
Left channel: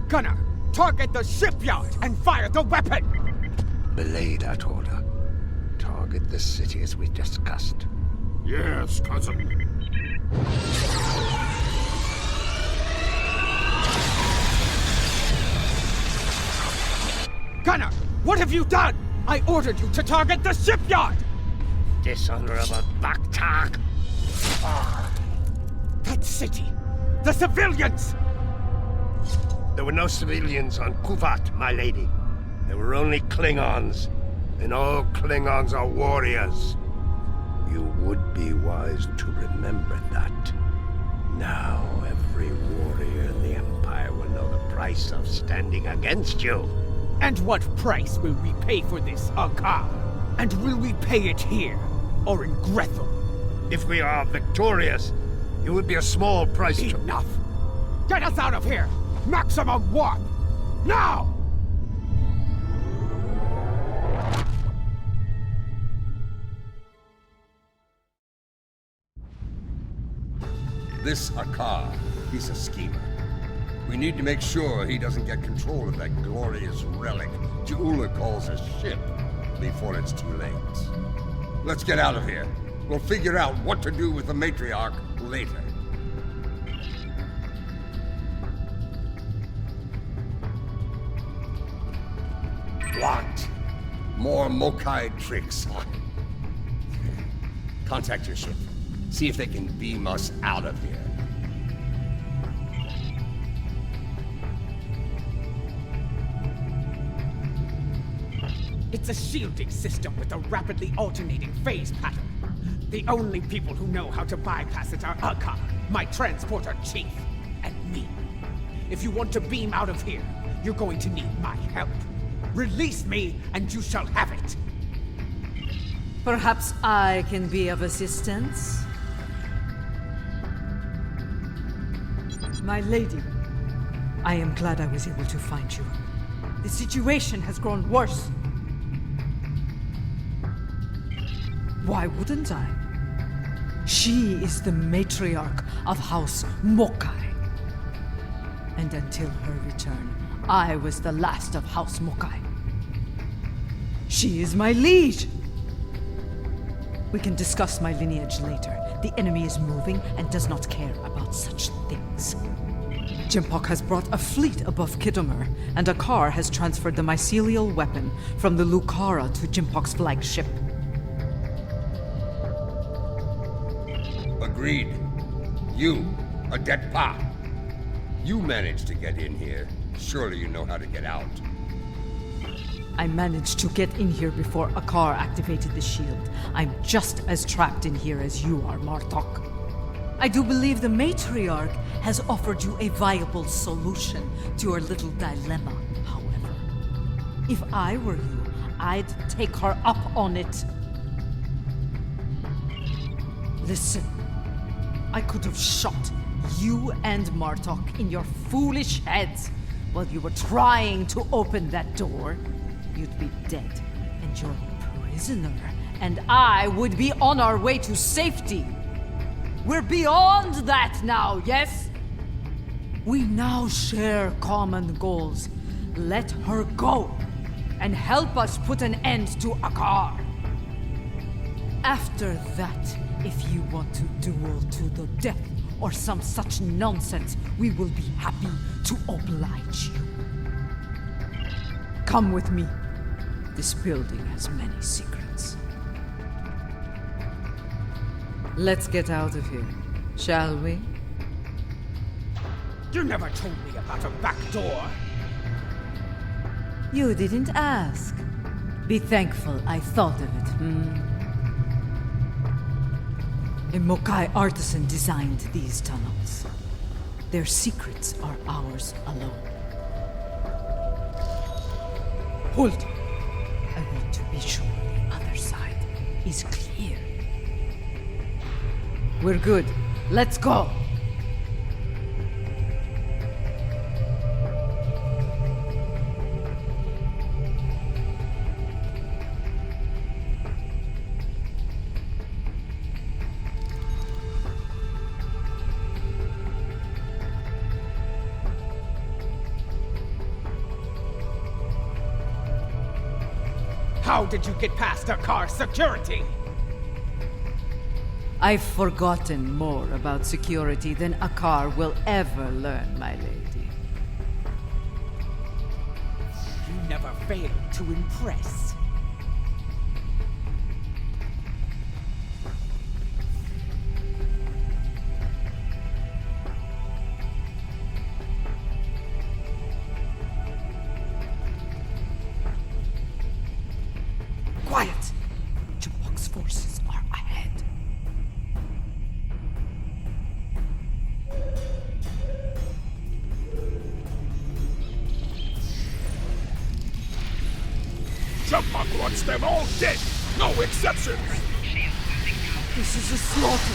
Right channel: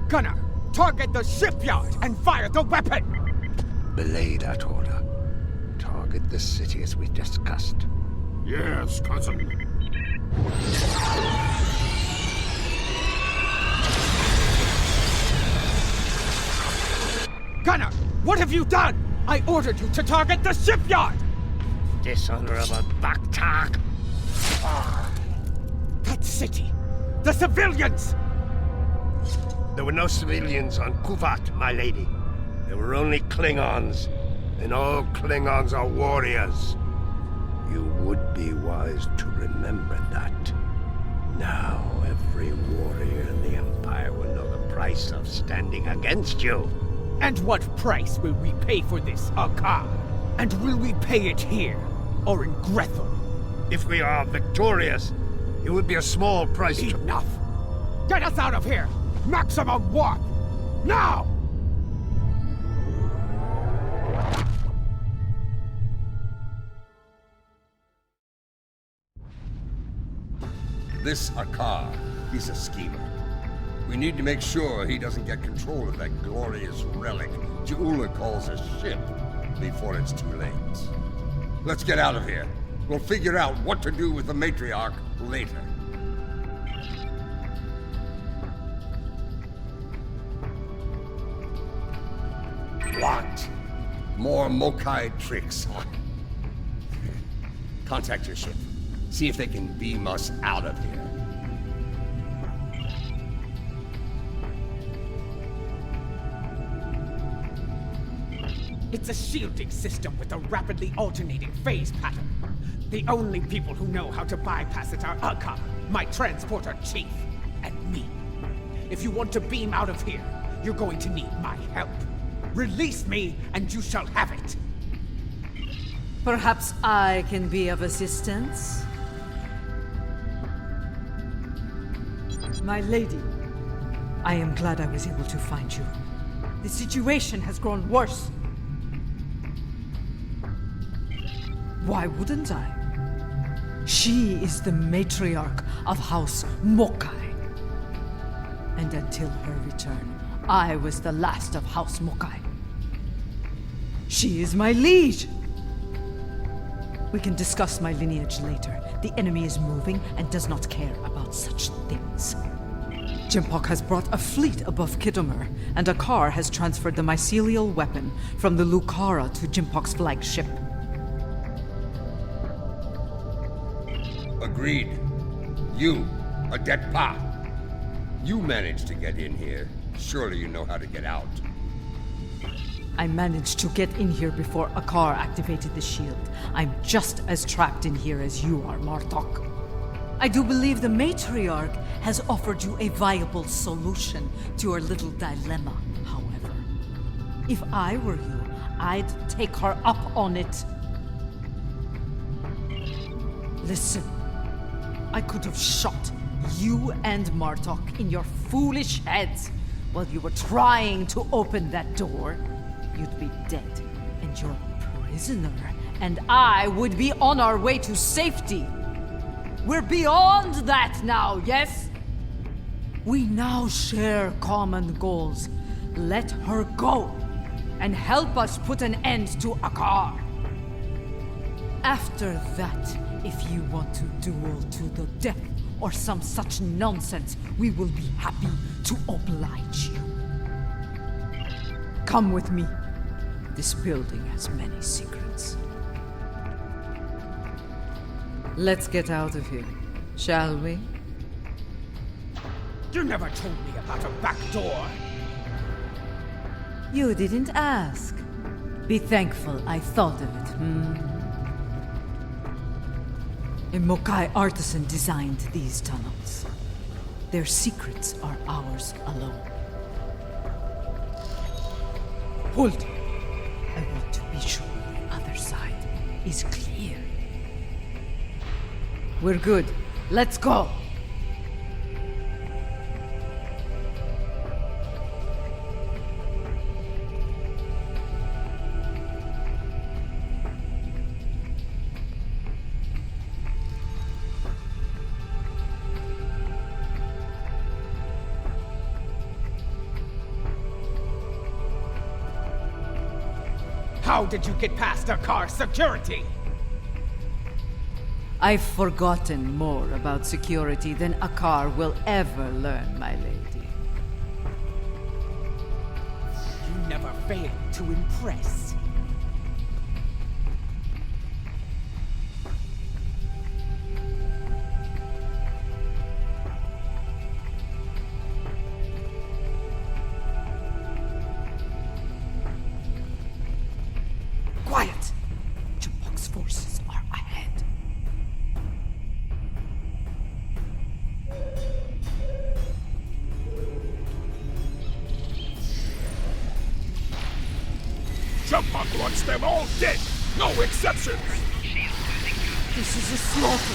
Gunner, target the shipyard and fire the weapon! Belay that order. Target the city as we discussed. Yes, cousin. Gunner, what have you done? I ordered you to target the shipyard! Dishonorable Baktak! That city! The civilians! There were no civilians on Kuvat, my lady. There were only Klingons. And all Klingons are warriors. You would be wise to remember that. Now every warrior in the Empire will know the price of standing against you. And what price will we pay for this, Akar? And will we pay it here, or in Grethel? If we are victorious, it would be a small price to— Enough! Get us out of here! Maximum warp! Now! This Akar, he's a schemer. We need to make sure he doesn't get control of that glorious relic Ja'ula calls a ship before it's too late. Let's get out of here. We'll figure out what to do with the matriarch later. What? More Mokai tricks, huh? Contact your ship. See if they can beam us out of here. It's a shielding system with a rapidly alternating phase pattern. The only people who know how to bypass it are Akar, my transporter chief, and me. If you want to beam out of here, you're going to need my help. Release me, and you shall have it. Perhaps I can be of assistance? My lady, I am glad I was able to find you. The situation has grown worse. Why wouldn't I? She is the matriarch of House Mokai. And until her return, I was the last of House Mokai. She is my liege! We can discuss my lineage later. The enemy is moving and does not care about such things. Jimpok has brought a fleet above Khitomer, and Akar has transferred the mycelial weapon from the Lucara to Jimpok's flagship. Agreed. You, Adet Pa. You managed to get in here. Surely you know how to get out. I managed to get in here before Akar activated the shield. I'm just as trapped in here as you are, Martok. I do believe the matriarch has offered you a viable solution to your little dilemma, however. If I were you, I'd take her up on it. Listen, I could have shot you and Martok in your foolish heads while you were trying to open that door. You'd be dead, and your prisoner and I would be on our way to safety. We're beyond that now, yes? We now share common goals. Let her go, and help us put an end to Akar. After that, if you want to duel to the death or some such nonsense, we will be happy to oblige you. Come with me. This building has many secrets. Let's get out of here, shall we? You never told me about a back door. You didn't ask. Be thankful I thought of it, A Mokai artisan designed these tunnels. Their secrets are ours alone. Hold! I want to be sure the other side is clear. We're good. Let's go! How did you get past the car's security? I've forgotten more about security than a car will ever learn, my lady. You never fail to impress. Quiet! Chipok's forces are ahead. Jumpuck wants them all dead! No exceptions! This is a slaughter.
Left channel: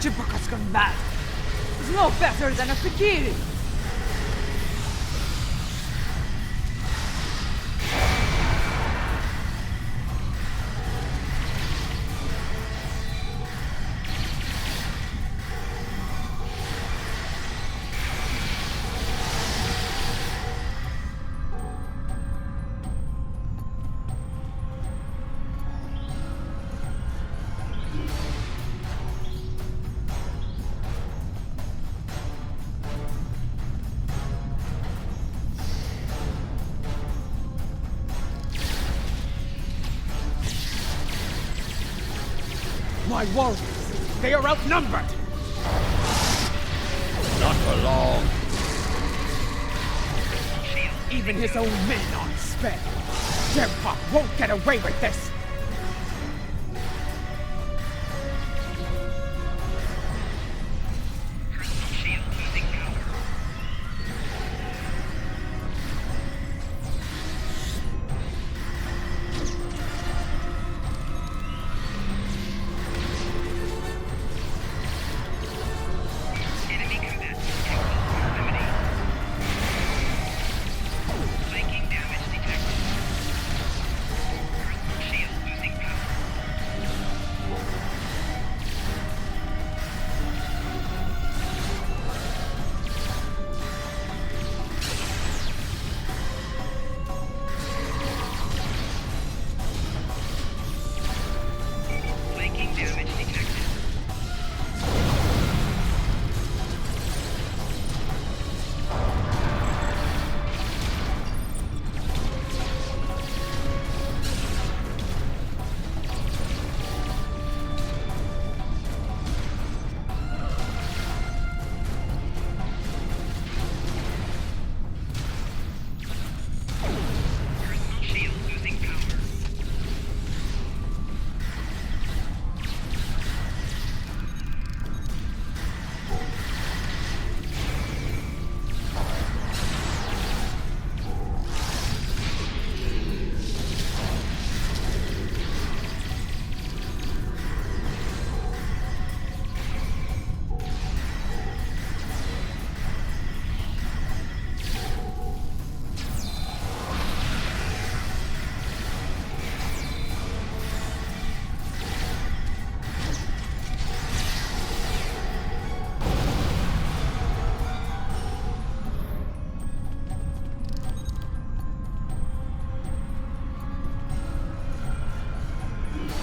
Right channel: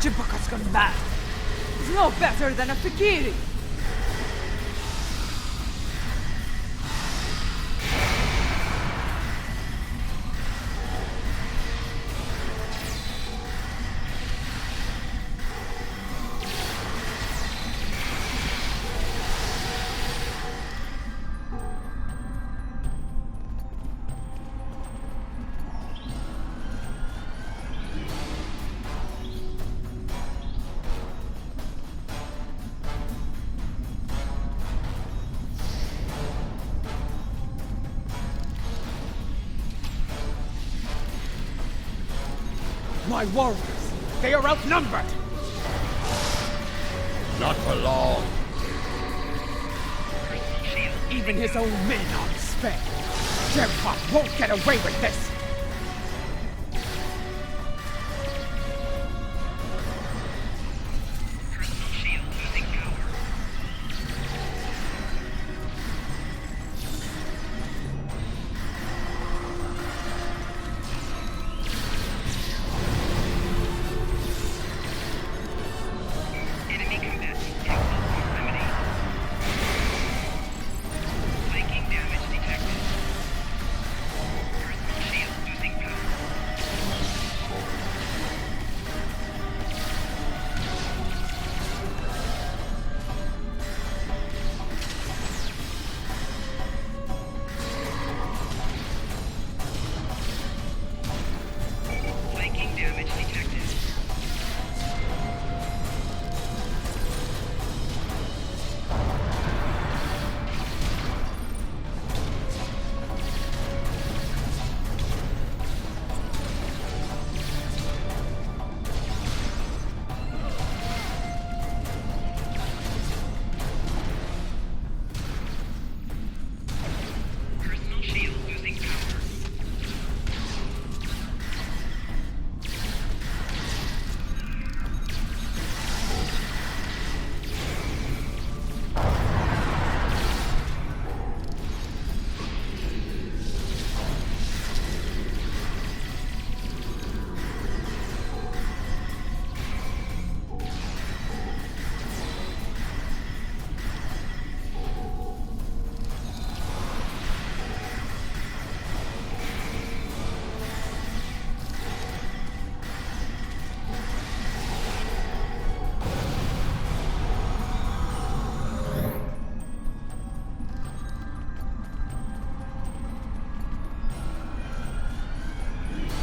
Chipok has gone mad. He's no better than a Fikiri. My warriors, they are outnumbered! Not for long. Even his own men aren't spared. Jempok won't get away with this!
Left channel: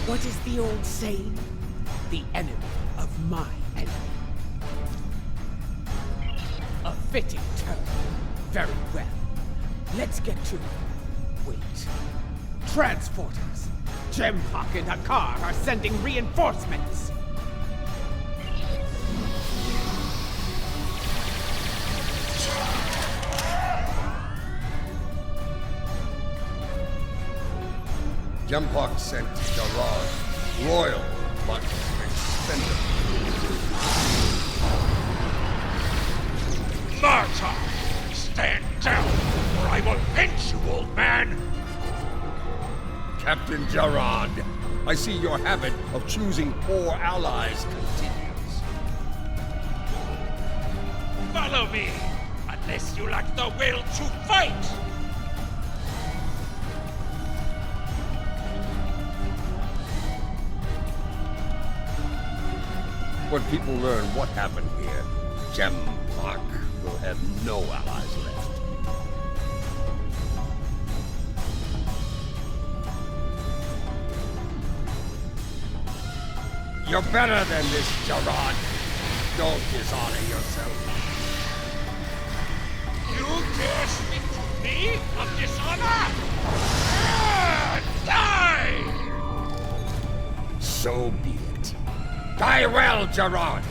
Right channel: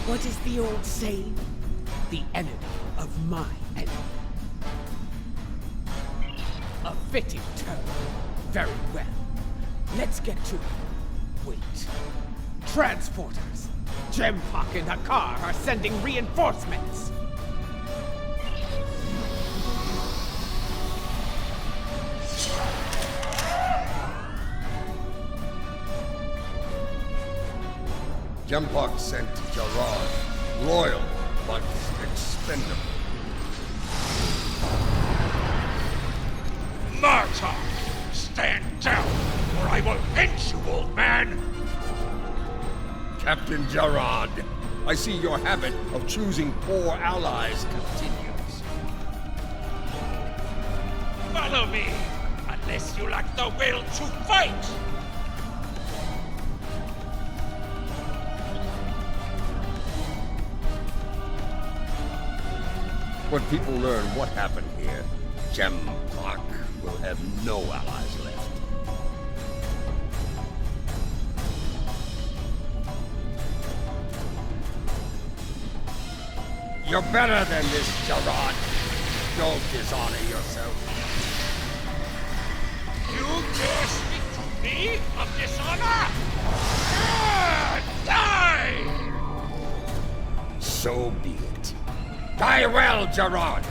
What is the old saying? The enemy of my enemy. A fitting term. Very well. Let's get to it. Wait. Transporters! Jempok and Hakar are sending reinforcements! Jempok sent Gerard, loyal but expendable. Marta! Stand down, or I will pinch you, old man! Captain Gerard, I see your habit of choosing poor allies continues. Follow me, unless you lack the will to fight! When people learn what happened here, Jempok will have no allies left. You're better than this, Gerard. Don't dishonor yourself. You dare speak to me of dishonor? Die! So be it. Die well, Gerard!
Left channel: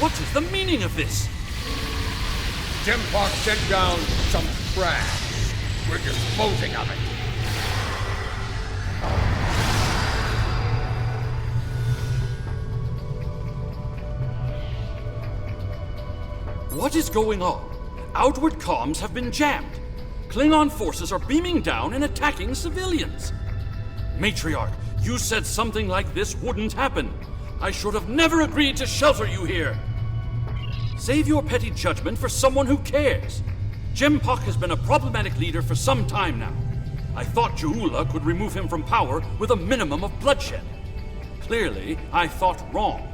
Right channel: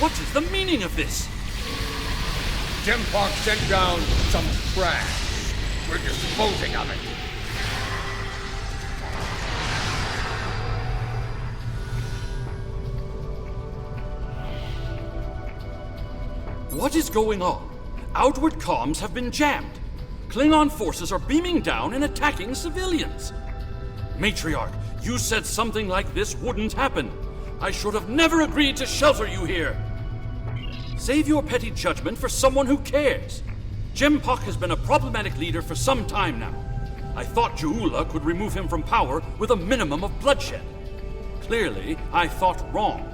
What is the meaning of this? Jempok sent down some trash. We're disposing of it. What is going on? Outward comms have been jammed. Klingon forces are beaming down and attacking civilians. Matriarch, you said something like this wouldn't happen. I should have never agreed to shelter you here. Save your petty judgment for someone who cares. Jempok has been a problematic leader for some time now. I thought Juula could remove him from power with a minimum of bloodshed. Clearly, I thought wrong.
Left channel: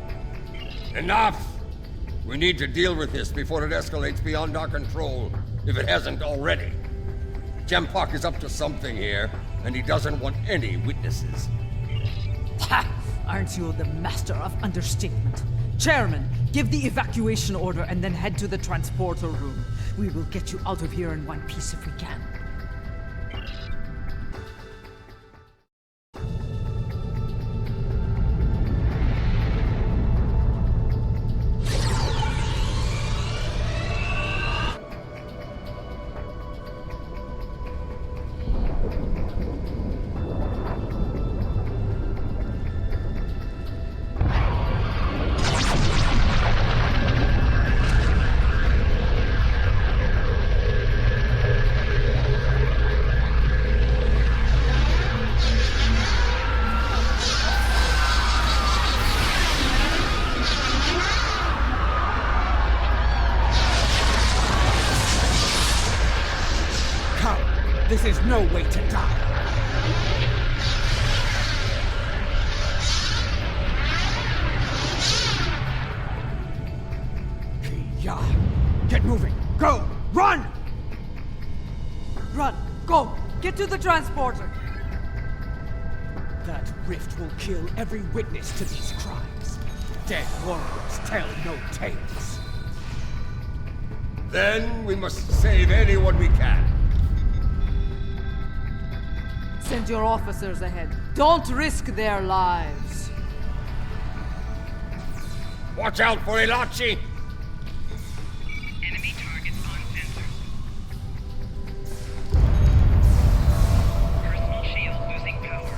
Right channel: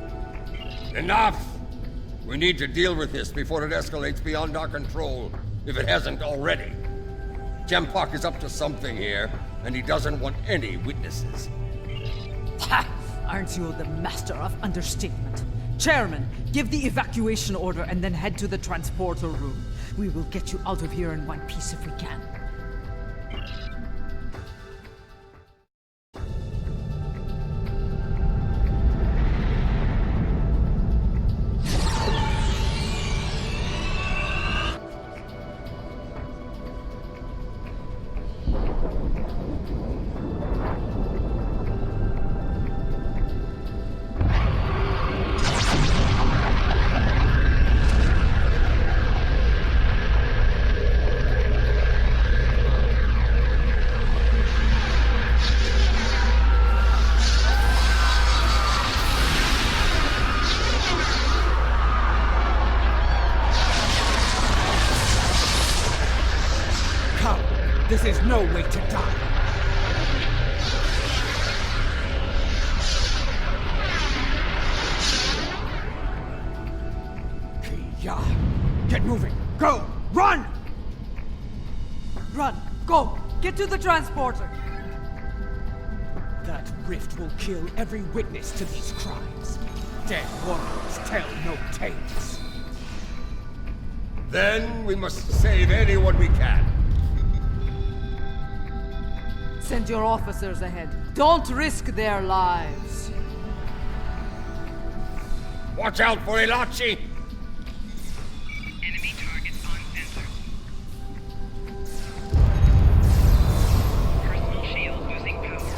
Enough! We need to deal with this before it escalates beyond our control, if it hasn't already. Jempok is up to something here, and he doesn't want any witnesses. Ha! Aren't you the master of understatement? Chairman, give the evacuation order and then head to the transporter room. We will get you out of here in one piece if we can. This is no way to die. Kia, get moving. Go! Run! Run! Go! Get to the transporter! That rift will kill every witness to these crimes. Dead warriors tell no tales. Then we must save anyone we can. Send your officers ahead. Don't risk their lives. Watch out for Ilachi! Enemy targets on sensor. Personal shield losing power.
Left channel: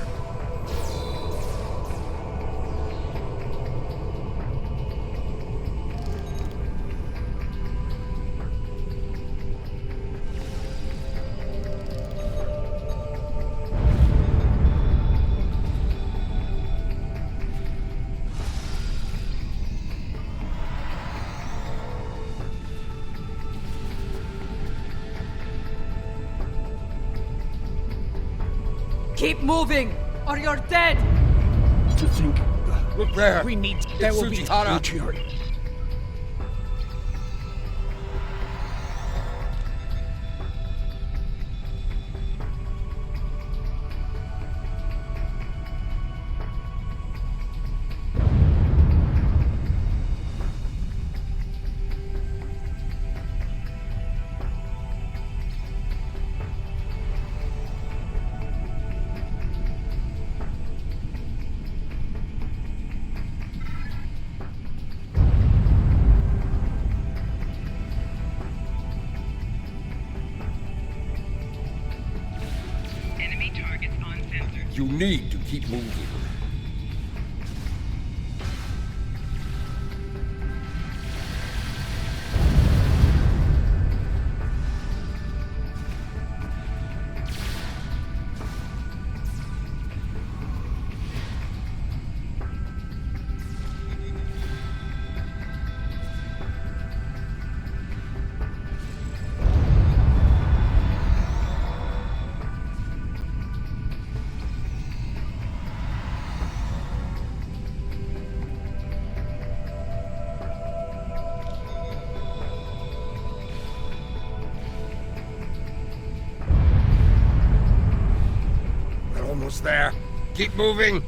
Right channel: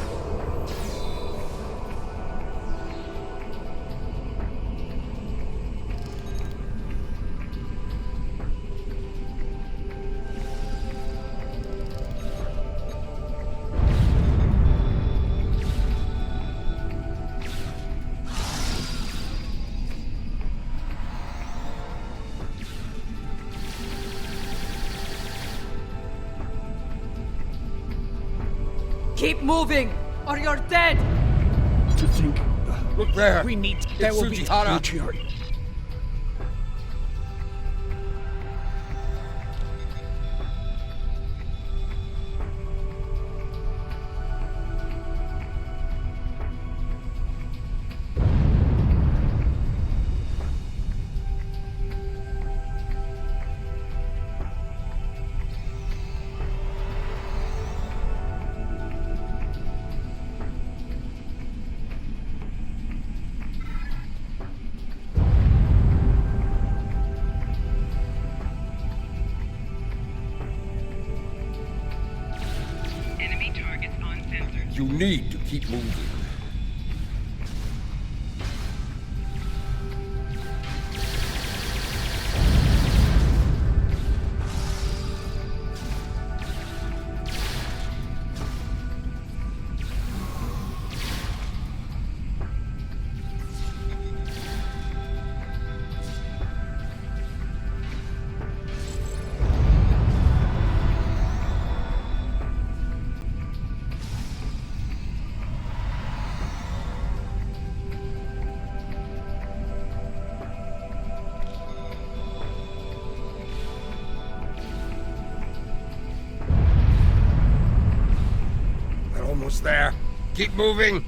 Keep moving, or you're dead! To think... Look there! We need... It's There will be... Tsujihara! Matriarch. need to keep moving. Almost there. Keep moving.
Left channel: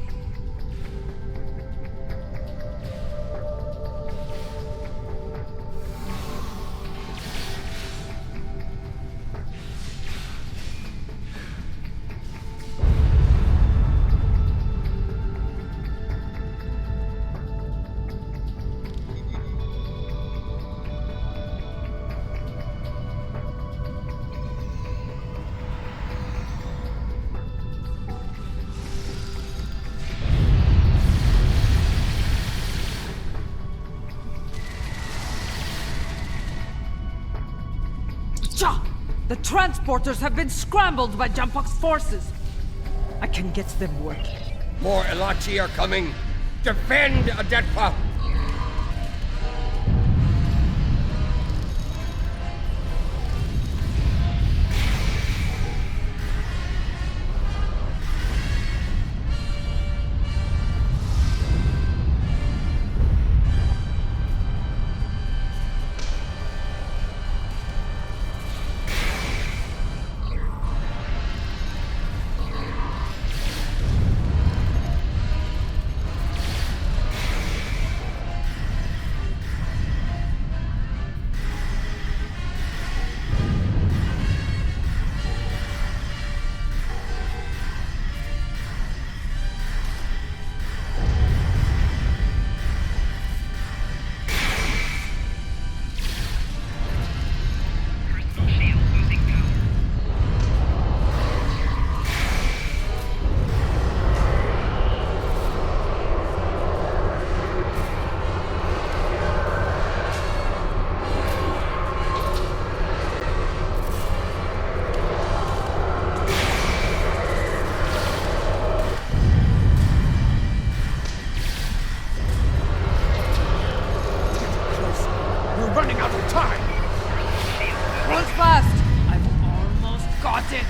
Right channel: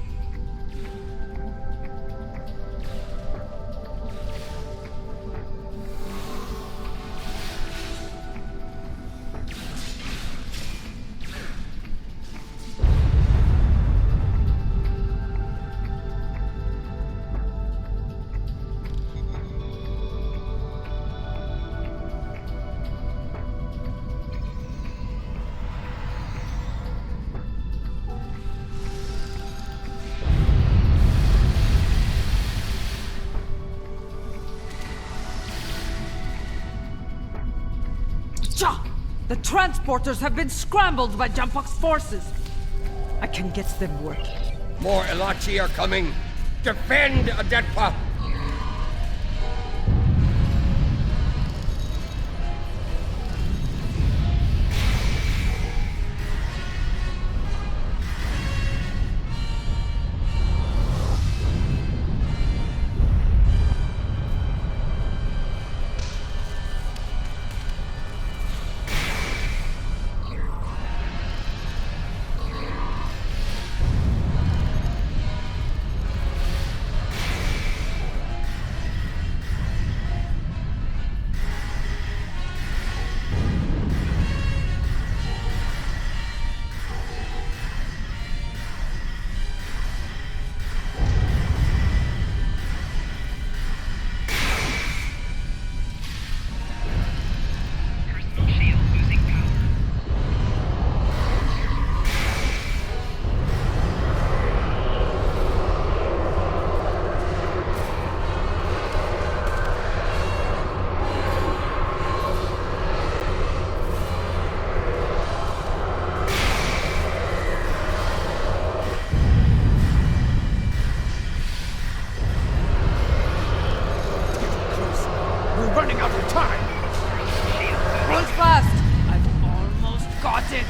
The transporters have been scrambled by Jumpok's forces. I can get them working. More Elachi are coming. Defend Adetpa! Running out of time! Run fast! I've almost got it!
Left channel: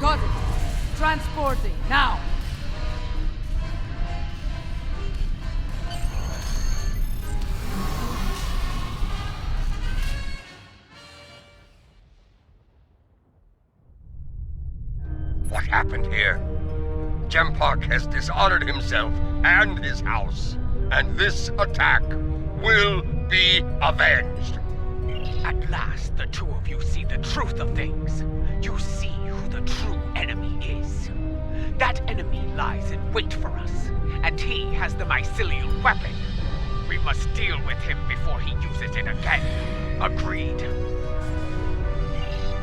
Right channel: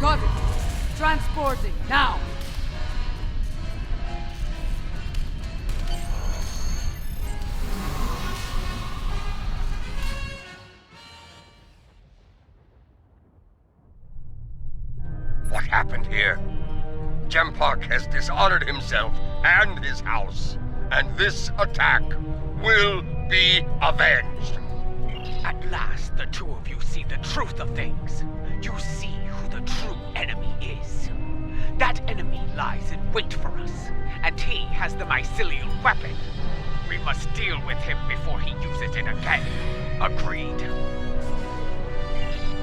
Got it! Transporting, now! What happened here? Jempok has dishonored himself and his house, and this attack will be avenged. At last, the two of you see the truth of things. You see who the true enemy is. That enemy lies in wait for us, and he has the mycelial weapon. We must deal with him before he uses it again. Agreed.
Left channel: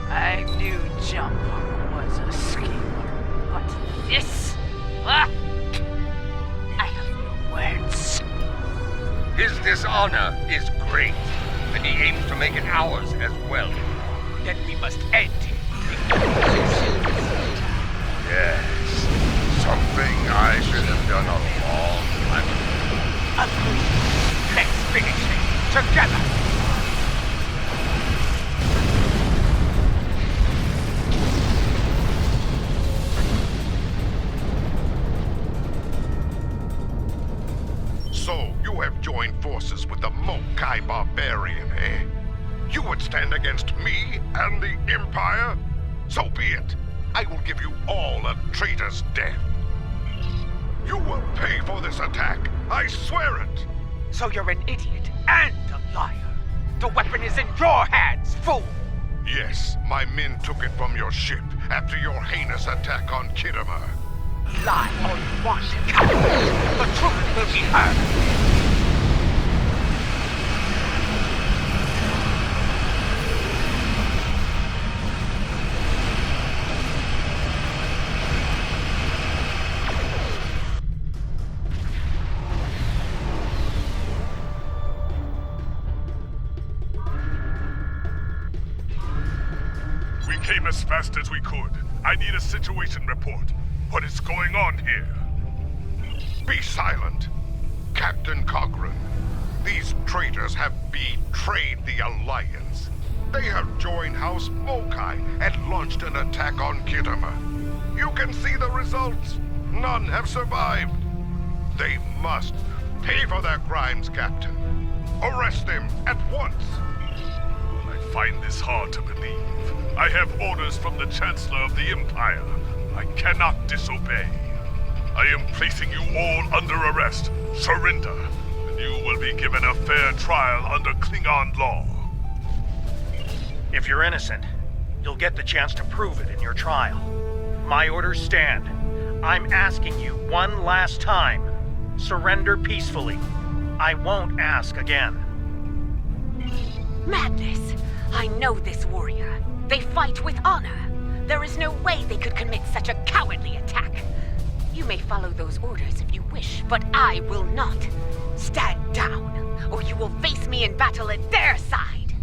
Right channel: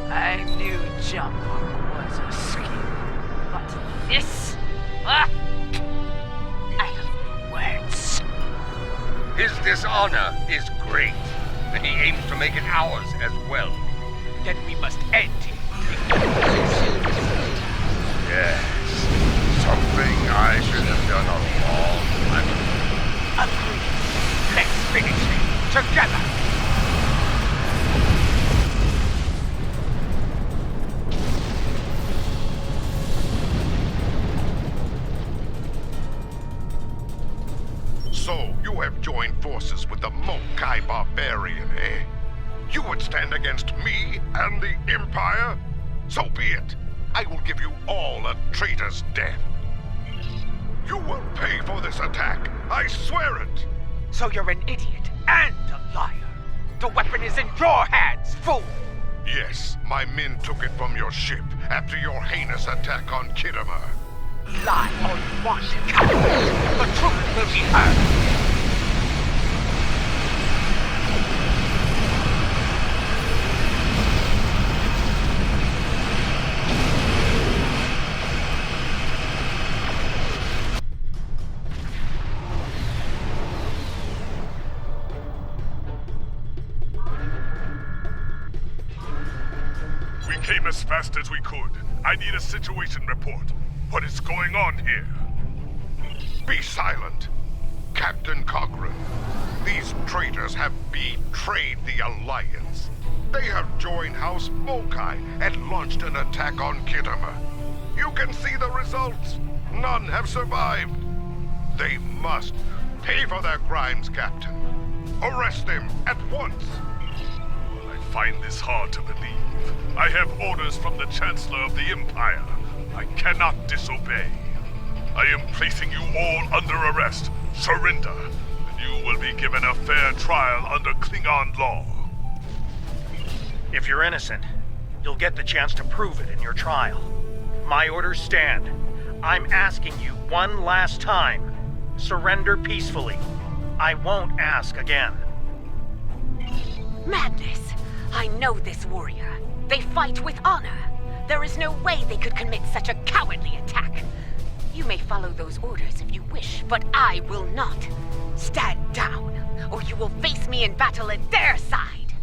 I knew Jumpok was a schemer, but this? I have no words. His dishonor is great, and he aims to make it ours as well. Then we must end him. Yes. Something I should have done a long time ago. Agreed. Let's finish him together. So, you have joined forces with the Mokai barbarian, eh? You would stand against me and the Empire? So be it. I will give you all a traitor's death. You will pay for this attack. I swear it. So you're an idiot and a liar. The weapon is in your hands, fool. Yes, my men took it from your ship after your heinous attack on Khitomer. Lie all you want, coward. The truth will be heard. We came as fast as we could. I need a situation report. What is going on here? Be silent, Captain Cogran. These traitors have betrayed the Alliance. They have joined House Mokai and launched an attack on Khitomer. You can see the results. None have survived. They must pay for their crimes, Captain. Arrest them at once. Well, I find this hard to believe. I have orders from the Chancellor of the Empire. I cannot disobey. I am placing you all under arrest. Surrender, and you will be given a fair trial under Klingon law. If you're innocent, you'll get the chance to prove it in your trial. My orders stand. I'm asking you one last time. Surrender peacefully. I won't ask again. Madness! I know this warrior. They fight with honor. There is no way they could commit such a cowardly attack. You may follow those orders if you wish, but I will not. Stand down, or you will face me in battle at their side.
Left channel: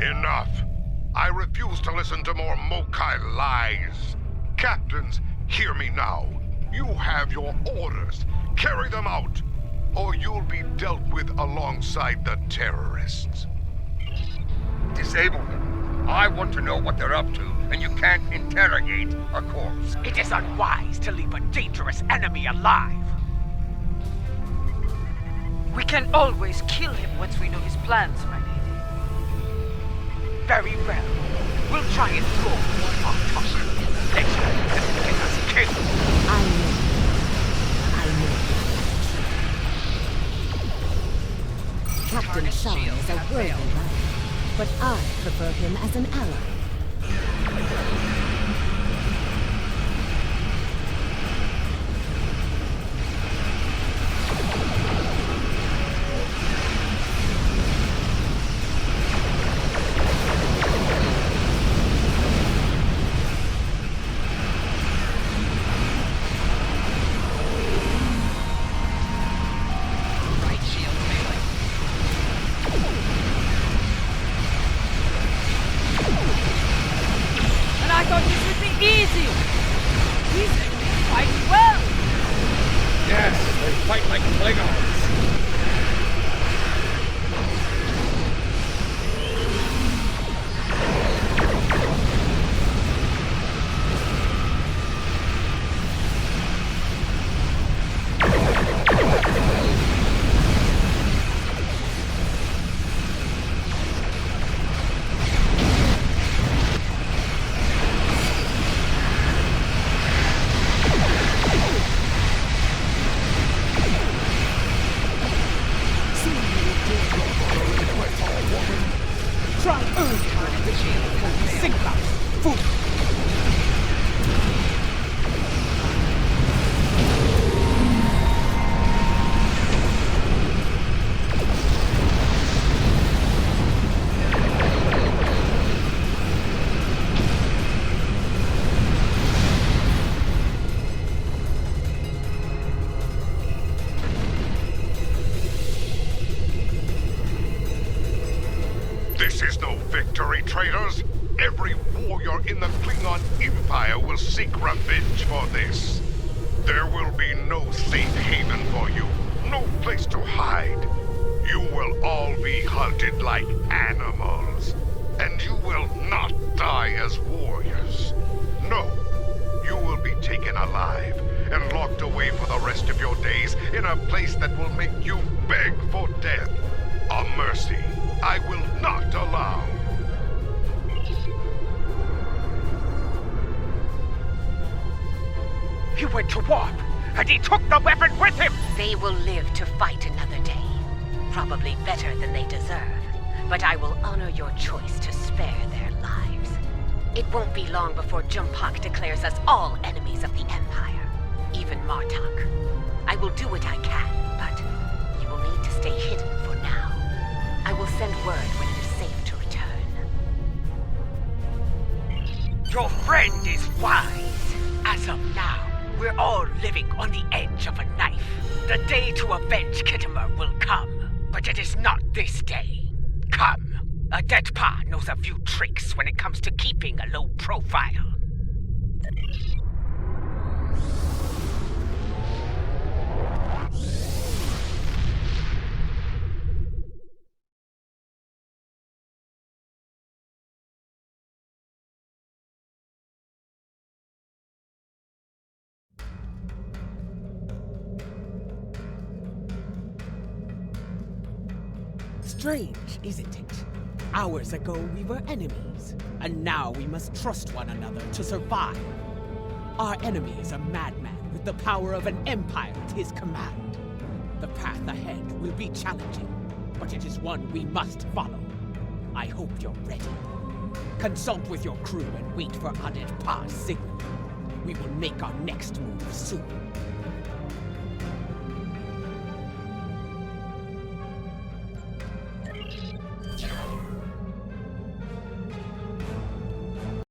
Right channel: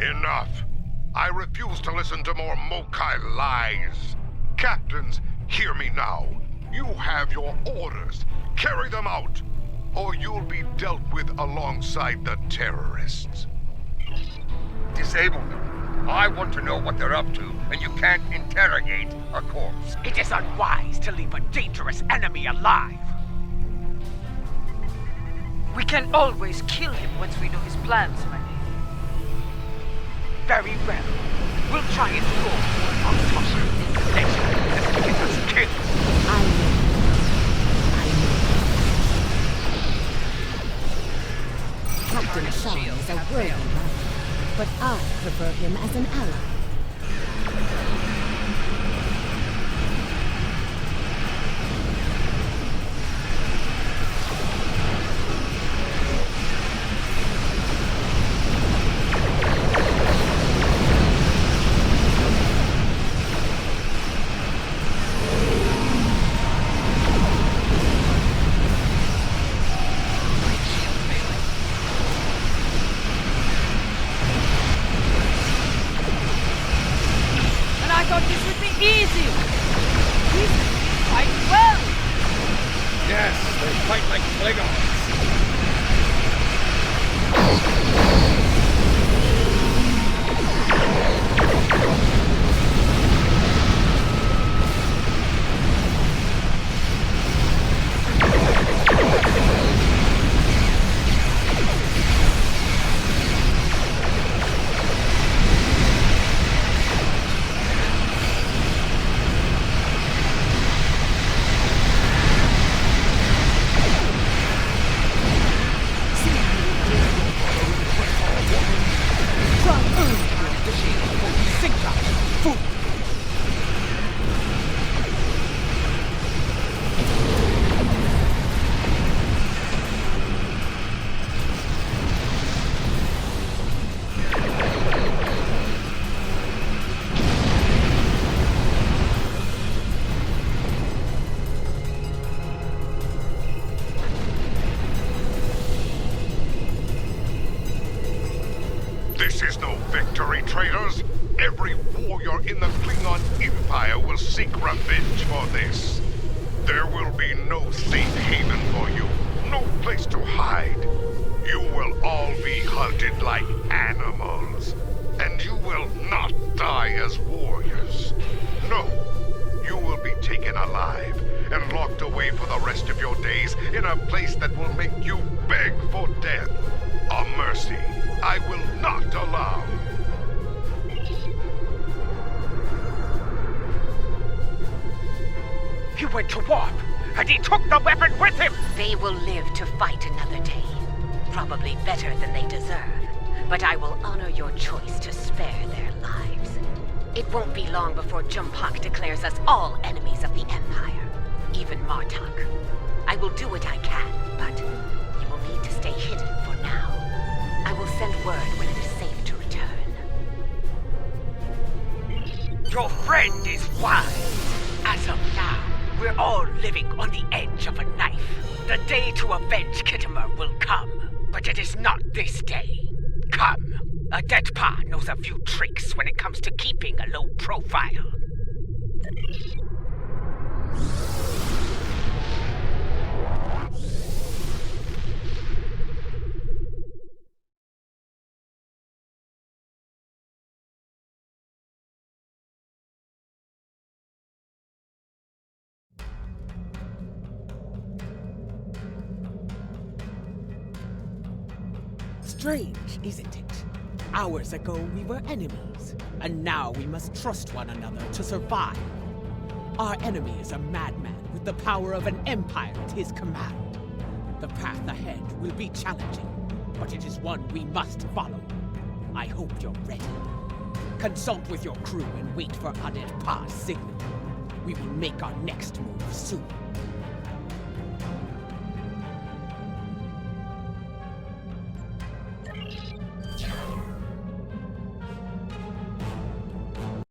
Enough. I refuse to listen to more Mokai lies. Captains, hear me now. You have your orders. Carry them out, or you'll be dealt with alongside the terrorists. Disable them. I want to know what they're up to, and you can't interrogate a corpse. It is unwise to leave a dangerous enemy alive. We can always kill him once we know his plans, my lady. Very well. We'll try and go on Khitomer later and get us killed. Captain Sean is a worthy rival, but I prefer him as an ally. This is no victory, traitors. Every warrior in the Klingon Empire will seek revenge for this. There will be no safe haven for you, no place to hide. You will all be hunted like animals, and you will not die as warriors. No, you will be taken alive and locked away for the rest of your days in a place that will make you beg for death. A mercy I will not allow. He went to warp, and he took the weapon with him! They will live to fight another day. Probably better than they deserve. but I will honor your choice to spare their lives. It won't be long before Jumpak declares us all enemies of the Empire, even Martok. I will do what I can, but you will need to stay hidden for now. I will send word when it is safe to return. Your friend is wise. As of now, we're all living on the edge of a knife. The day to avenge Khitomer will come, but it is not this day. Come. A dead pa knows a few tricks when it comes to keeping a low profile. Strange, isn't it? Hours ago we were enemies, and now we must trust one another to survive. Our enemy is a madman with the power of an empire at his command. The path ahead will be challenging, but it is one we must follow. I hope you're ready. Consult with your crew and wait for Adet Pa's signal. We will make our next move soon.